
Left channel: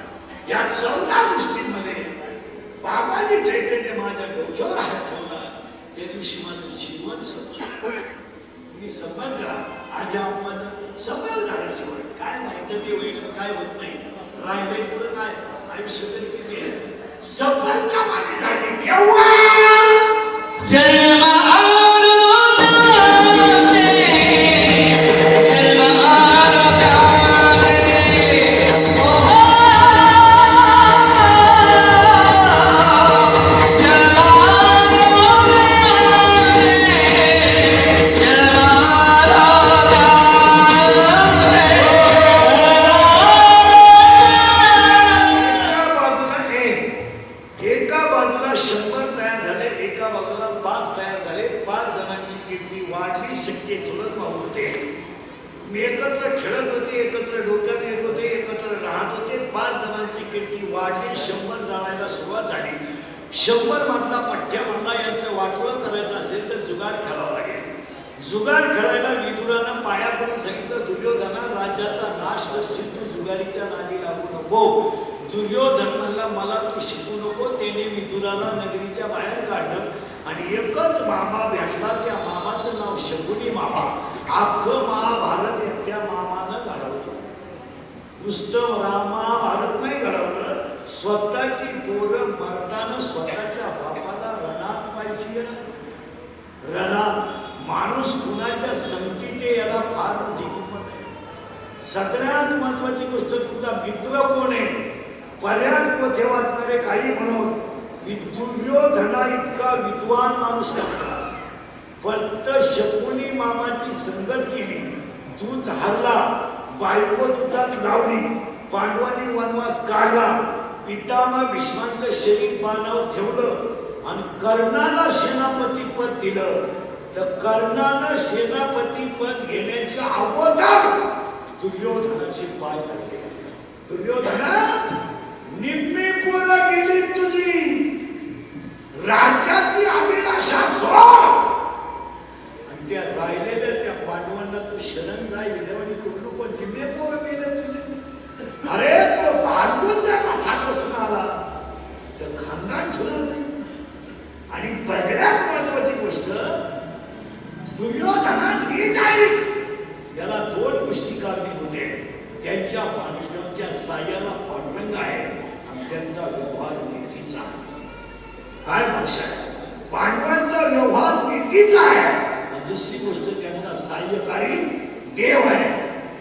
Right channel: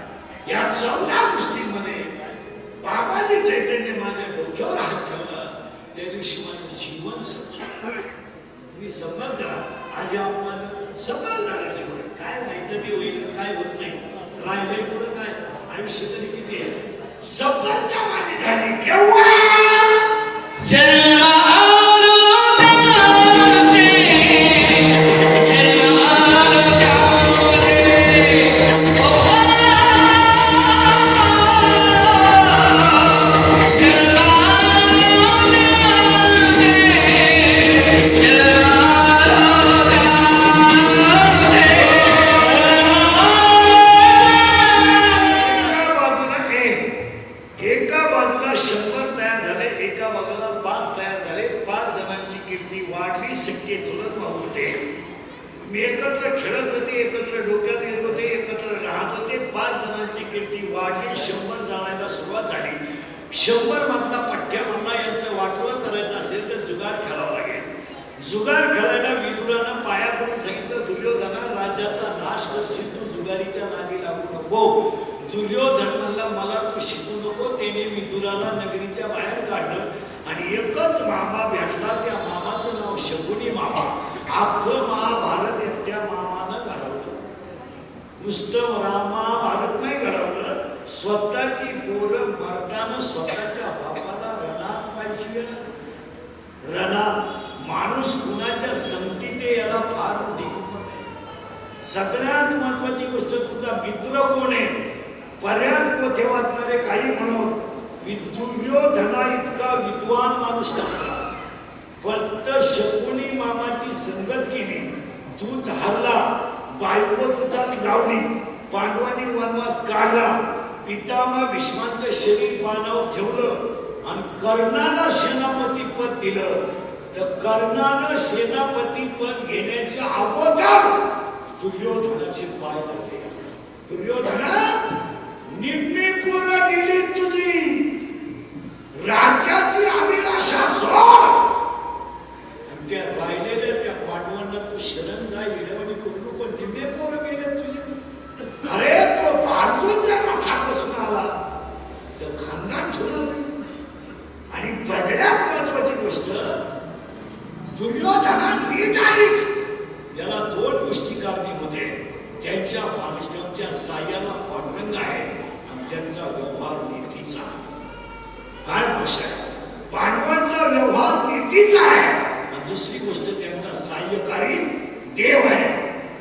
या 14 गोष्टींमध्ये बाबाने चैतन्य माझ्या डोक्यावर हात ठेवला त्या दिवशी माझं जीवन संपलं मी समजला आज आपण समजदार जीवन काय व्हायचं ते होईल काय होत नाही राहिलंय पुढं काय आयुष्य तरी किती आहे सफलता माझी झाली केव्हा मी एकत्र खेळत होते एकत्र डोक्यात येत होते एकत्र राहत होते 5 जणांची कीर्ती वाढली 100 जाणायला सुरुवात झाली 100 मधला पठ्ठ्या म्हणला यांचं वाटोळं करायचं असेल तर जुगार खेळावं लागेल जुगार खेळायला विदुरानं पाया करून सांगितलं दुर्योधना राज्याचा नाश करशील तू जुगारीच्या नादी लागू नको दुर्योधन म्हणला मला तू शिकू नको त्याने विदुराला नगरीच्या बाहेर काढलं आणि एकच मामा भेटला त्या मामाचं नाव शकुनी मामा आपलं महाभारत एकट्या मामानं घडवलं नुसतं महाभारत नाही घडवलं स्वतःची पोरं मरताना स्वतःच्या बापाला रणात पाहिजे रणात माणूस कुणाच्या संगतीने याला फार मोठी किंमत आहे सगळ्यात महत्वाची गोष्ट तुमचा मित्र कोण आहे पर्याय कोठे वाचणारे काही म्हणून दुर्योधना इतका विद्वान माणूस नव्हता फक्त शकुनी मामाची संगत केली दूध हरला बायको दुधात लावली पांडवांनी वनवास काढला पितामह भीष्मांचं शरीर पानावर ठेवलं आणि कर्णाला सेनापती पद दिलं तर कर्णानं सेनापती पद घेण्याच्या अगोदर दुर्योधनाचे पाय लागले. दुर्योधना निम्मी पोरं गेली तुझी, राज्याची अभिलाषा सोड आणि त्या राहिलेल्या त्या पांडवांना तू शरण जाईल आणि करू नको. निम्मे पोरं गेले तुझे. अरे तो अर्जुन त्या मठापासून आला तर खानदान ठेवलं नाही. आणि सगळ्यात महत्वाची गोष्ट दुर्योधना नीट ऐक, याला दोन गोष्टी कारणीभूत होते. त्यांच्या पांडवांच्या साह्याला पांडुरंग आहे आणि त्यांचा व्यवहार नीतीचा. काय भाषा आहे? पांडवांचा व्यवहार नीतीचा आहे आणि दुसरी गोष्ट त्यांचा सहाय्यकारी देव आहे.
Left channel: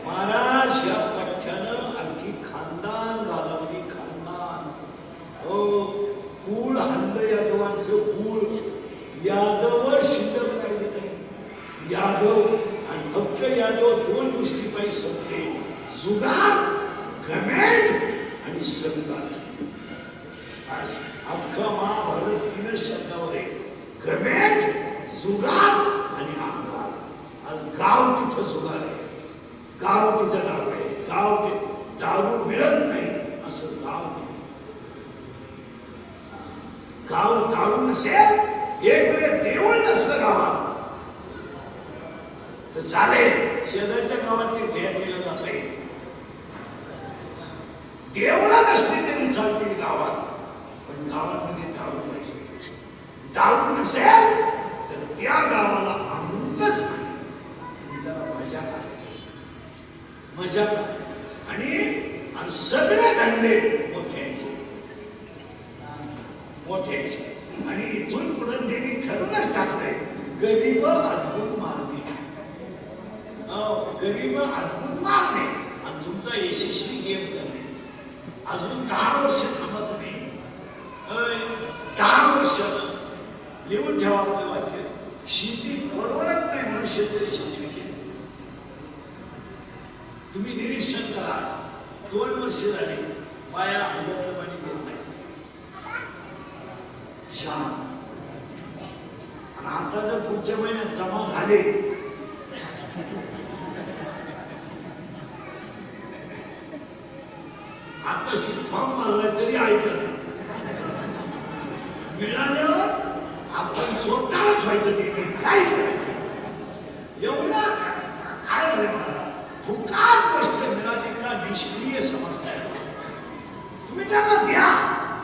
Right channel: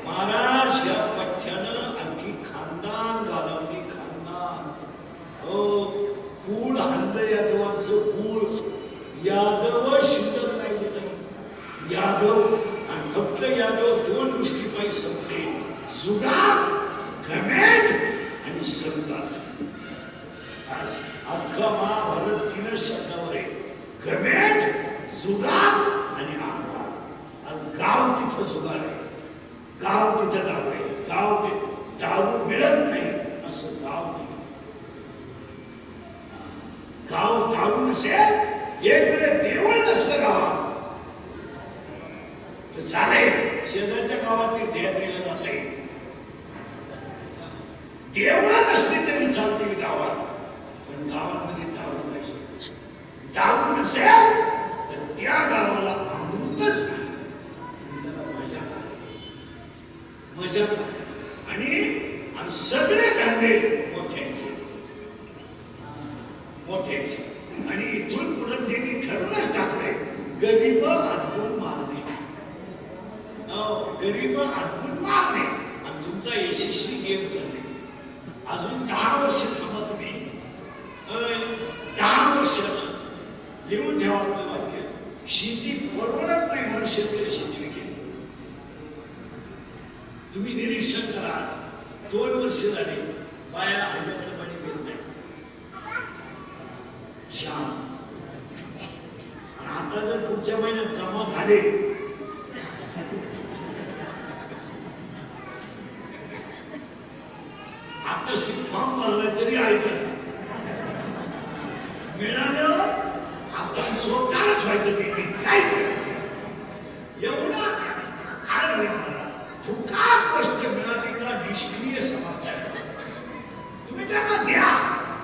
महाराज या पठ्यानं आणखी खानदान घालवली. खानदान हो कुळ हंद यादवांचं कुळ यादव शिल्लक राहिले नाही. यादव आणि फक्त यादव दोन गोष्टी पाहिजे संपले. जुगार, घमेंड आणि संघात. आज अख्खा महाभारत 3 शब्दावर आहे. घमेंड, जुगार आणि अहंकार. आज गाव तिथं जुगार आहे, गाव तिथं दारू आहे, गाव तिथं दारू मिळत नाही असं गाव नाही. गाव दारू नसेल, एक वेळ देऊळ नसलं गावात तर चालेल. शेजारच्या गावात तीर्थ यात्रेला जाता येईल. देवळा नसते तरी चालते गावात, पण गावामध्ये दारू नाही. दारू नसेल तर त्या गावाला अमृतच नाही. मजा मजा आणि सगळे धंदे मोठ्यांचे मोठ्यांचे. आणि इथून पुढे त्यांनी ठरवूनच टाकलंय गरीब अद्भुत मारणे. गरीब अद्भुत मारणे आणि तुमचा यशस्वी गेम करणे. अजून 10 वर्ष थांबा तुम्ही. 10 वर्ष लिहून ठेवा आपलं वाक्य. शेती परवडत नाही म्हणून शेतकरी शेती विकेल. तुम्ही निरीक्षण करा. 2 वर्ष झाली बाया हल्ल्यातलं पाणी घेत नाही. आणि आता जर पुढच्या महिन्यात जमा झाले आता फॉर्म भरला तरी ऐकत मिळालं आपण स्वतःच व्हायचं. ते काहीच एवढा काय झालं मला फुकाट गोष्ट मिळाली का निष्क्रिय समजता. तुम्ही त्यांना द्या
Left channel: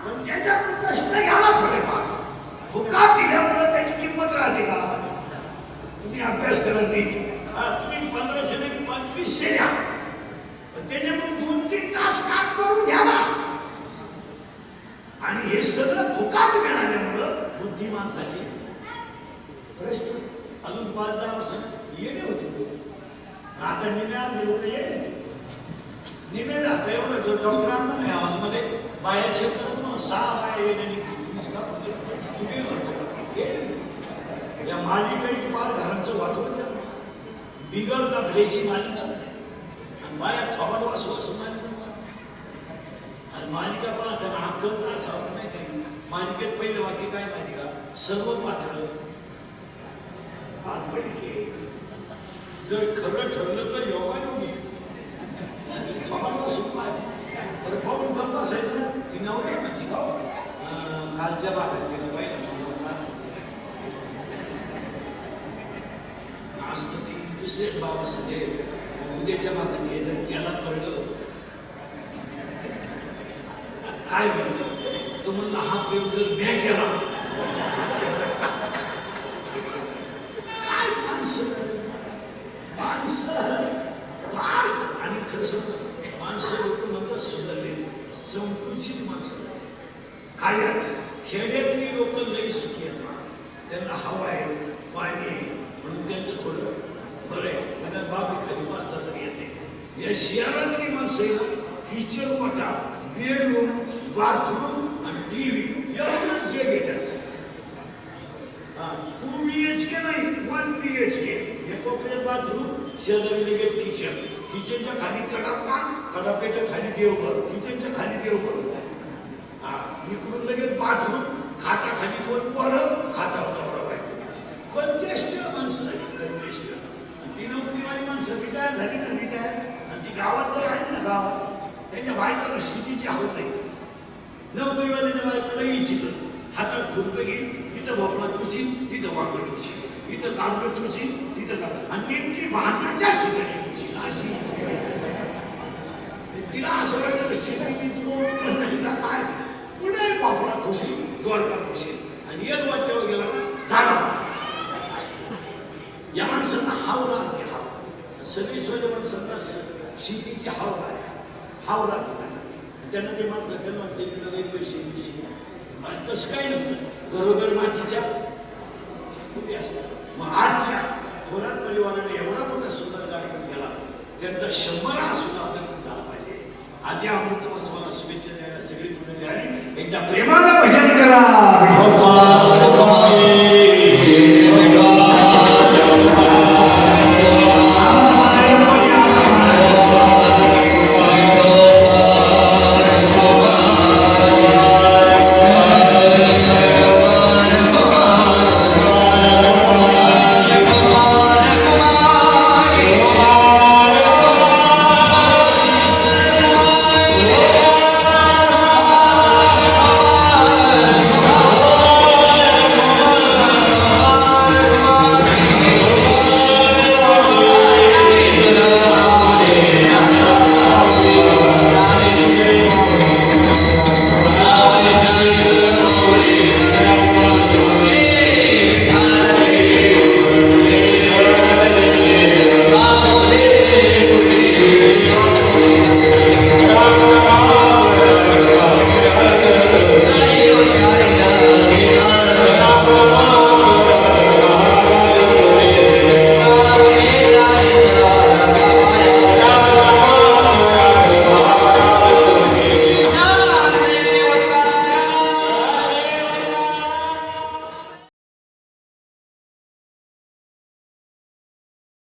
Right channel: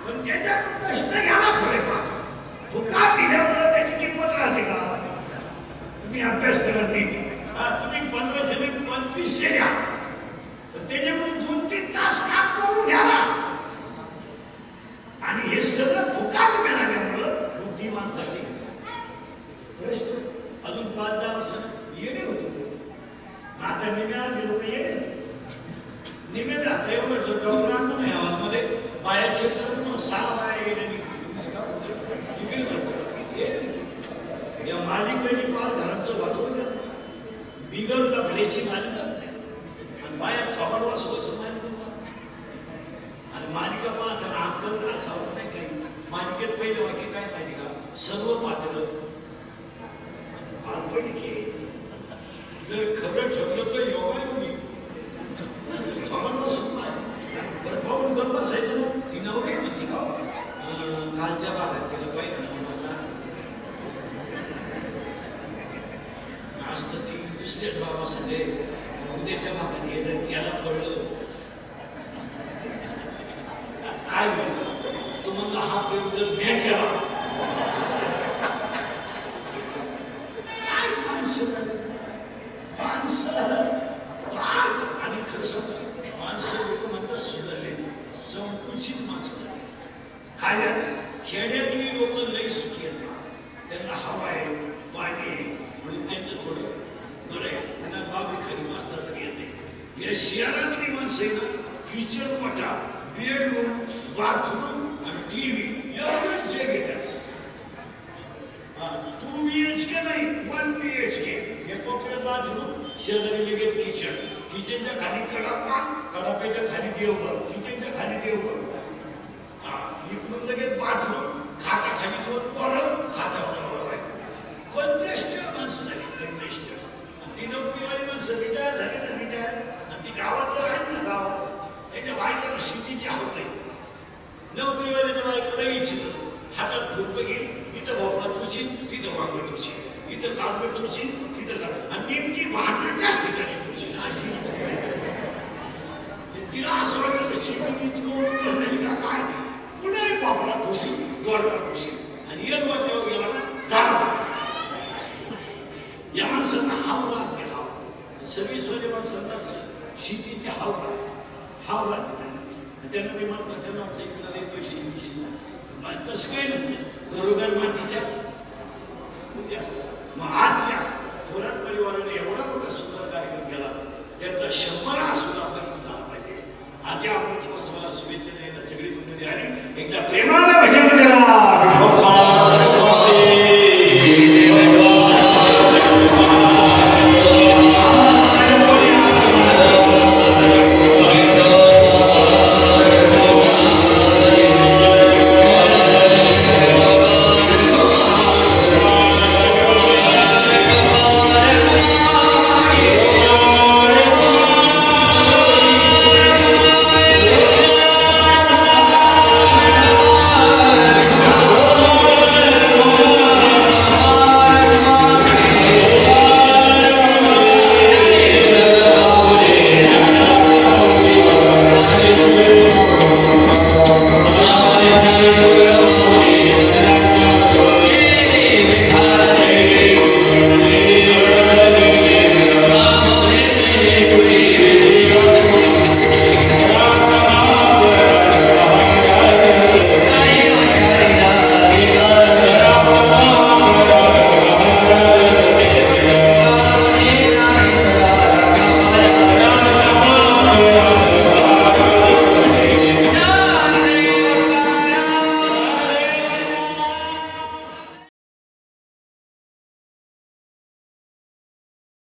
पण त्याच्याकडून कष्ट घ्यावा थोडेफार. फुकाट दिल्यामुळे त्याची किंमत राहते का? तुम्ही अभ्यास करत नाही. तुम्ही 1500 नाही 2500 द्या पण त्याच्याकडून 2-3 तास काम करून घ्यावा. आणि हे सगळं फुकाट मिळाल्यामुळं बुद्धिमानसाठी प्रश्न अजून 5-10 वर्ष येणे होते. आता निम्या लोक येणे निम्या आता एवढं डॉक्टरांना नाही हॉलमध्ये बाया क्षेत्रात मला 6 बाया येणे. या मालिकेने पार घरांचं वाकवून द्या. बिगर टाकल्याची मालिका आणि बाया थोबाडवा स्वच्छ मालिका. आणि मालिका पाहताना अक्कल का असावं नाही काही. मालिकेत पहिलं वाक्य काय माहिती का? सर्व पात्र काल्पनिक आहे. जर खरं ठरलं तर योगायोगी थोबाडवा सुद्धा आहे. तर पाहून गप्पा असायचं ना. ती नवरी म्हणती का कालच्या भागात तिला पहिला असतं. ती दुसऱ्याच बाबासाठी उद्याच्या भागात येणं त्याला कळलं काय म्हणलं. तो म्हणला हा प्रेम जर मी केला काय माणसं आणि खरं सांगा माणसं लोक म्हणतात सुधारले संकुचित माणसं. खाल्या खेड्यातली लोक लई सुखी आहेत. त्यांना हवा आहे पाणी म्हणून त्यांचं थोडं बरं आहे. त्यांना बाबी खाली वाचता तरी येते. या शहरातली माणसं आहे ना किचन कोठा बेडरूम बाथरूम आणि टीव्ही एवढंच जे घेतात. 2 BHK नाही 1 BHK. हे कोकणात बाथरूम शेजारी लगेच किचन. किचनच्या खाली कडापा कडाप्याच्या खाली देवघर किचनच्या खाली देवघर. इकडून लगेच बाथरूम खाटा खाली 2 वागत होती, इथं कागद होती, तिथं कागद, आणि नेमकी भांडणं जास्त ठिकाणी होती अशी. तिला असं वाटलं की शेती नाही का काय, पुढे बापला खुशी, द्वारका खुशी, आणि एक वाट्यावर गेला झाला. या माणसांना हाव राहते, हाव सगळे सोजे माणसांना शेतीची हाव राहते, हाव राहते त्यांना ते म्हणतात, त्यांना वाटतं की त्याला पैसे तसं काय नसतं. घरोघर मातीच्या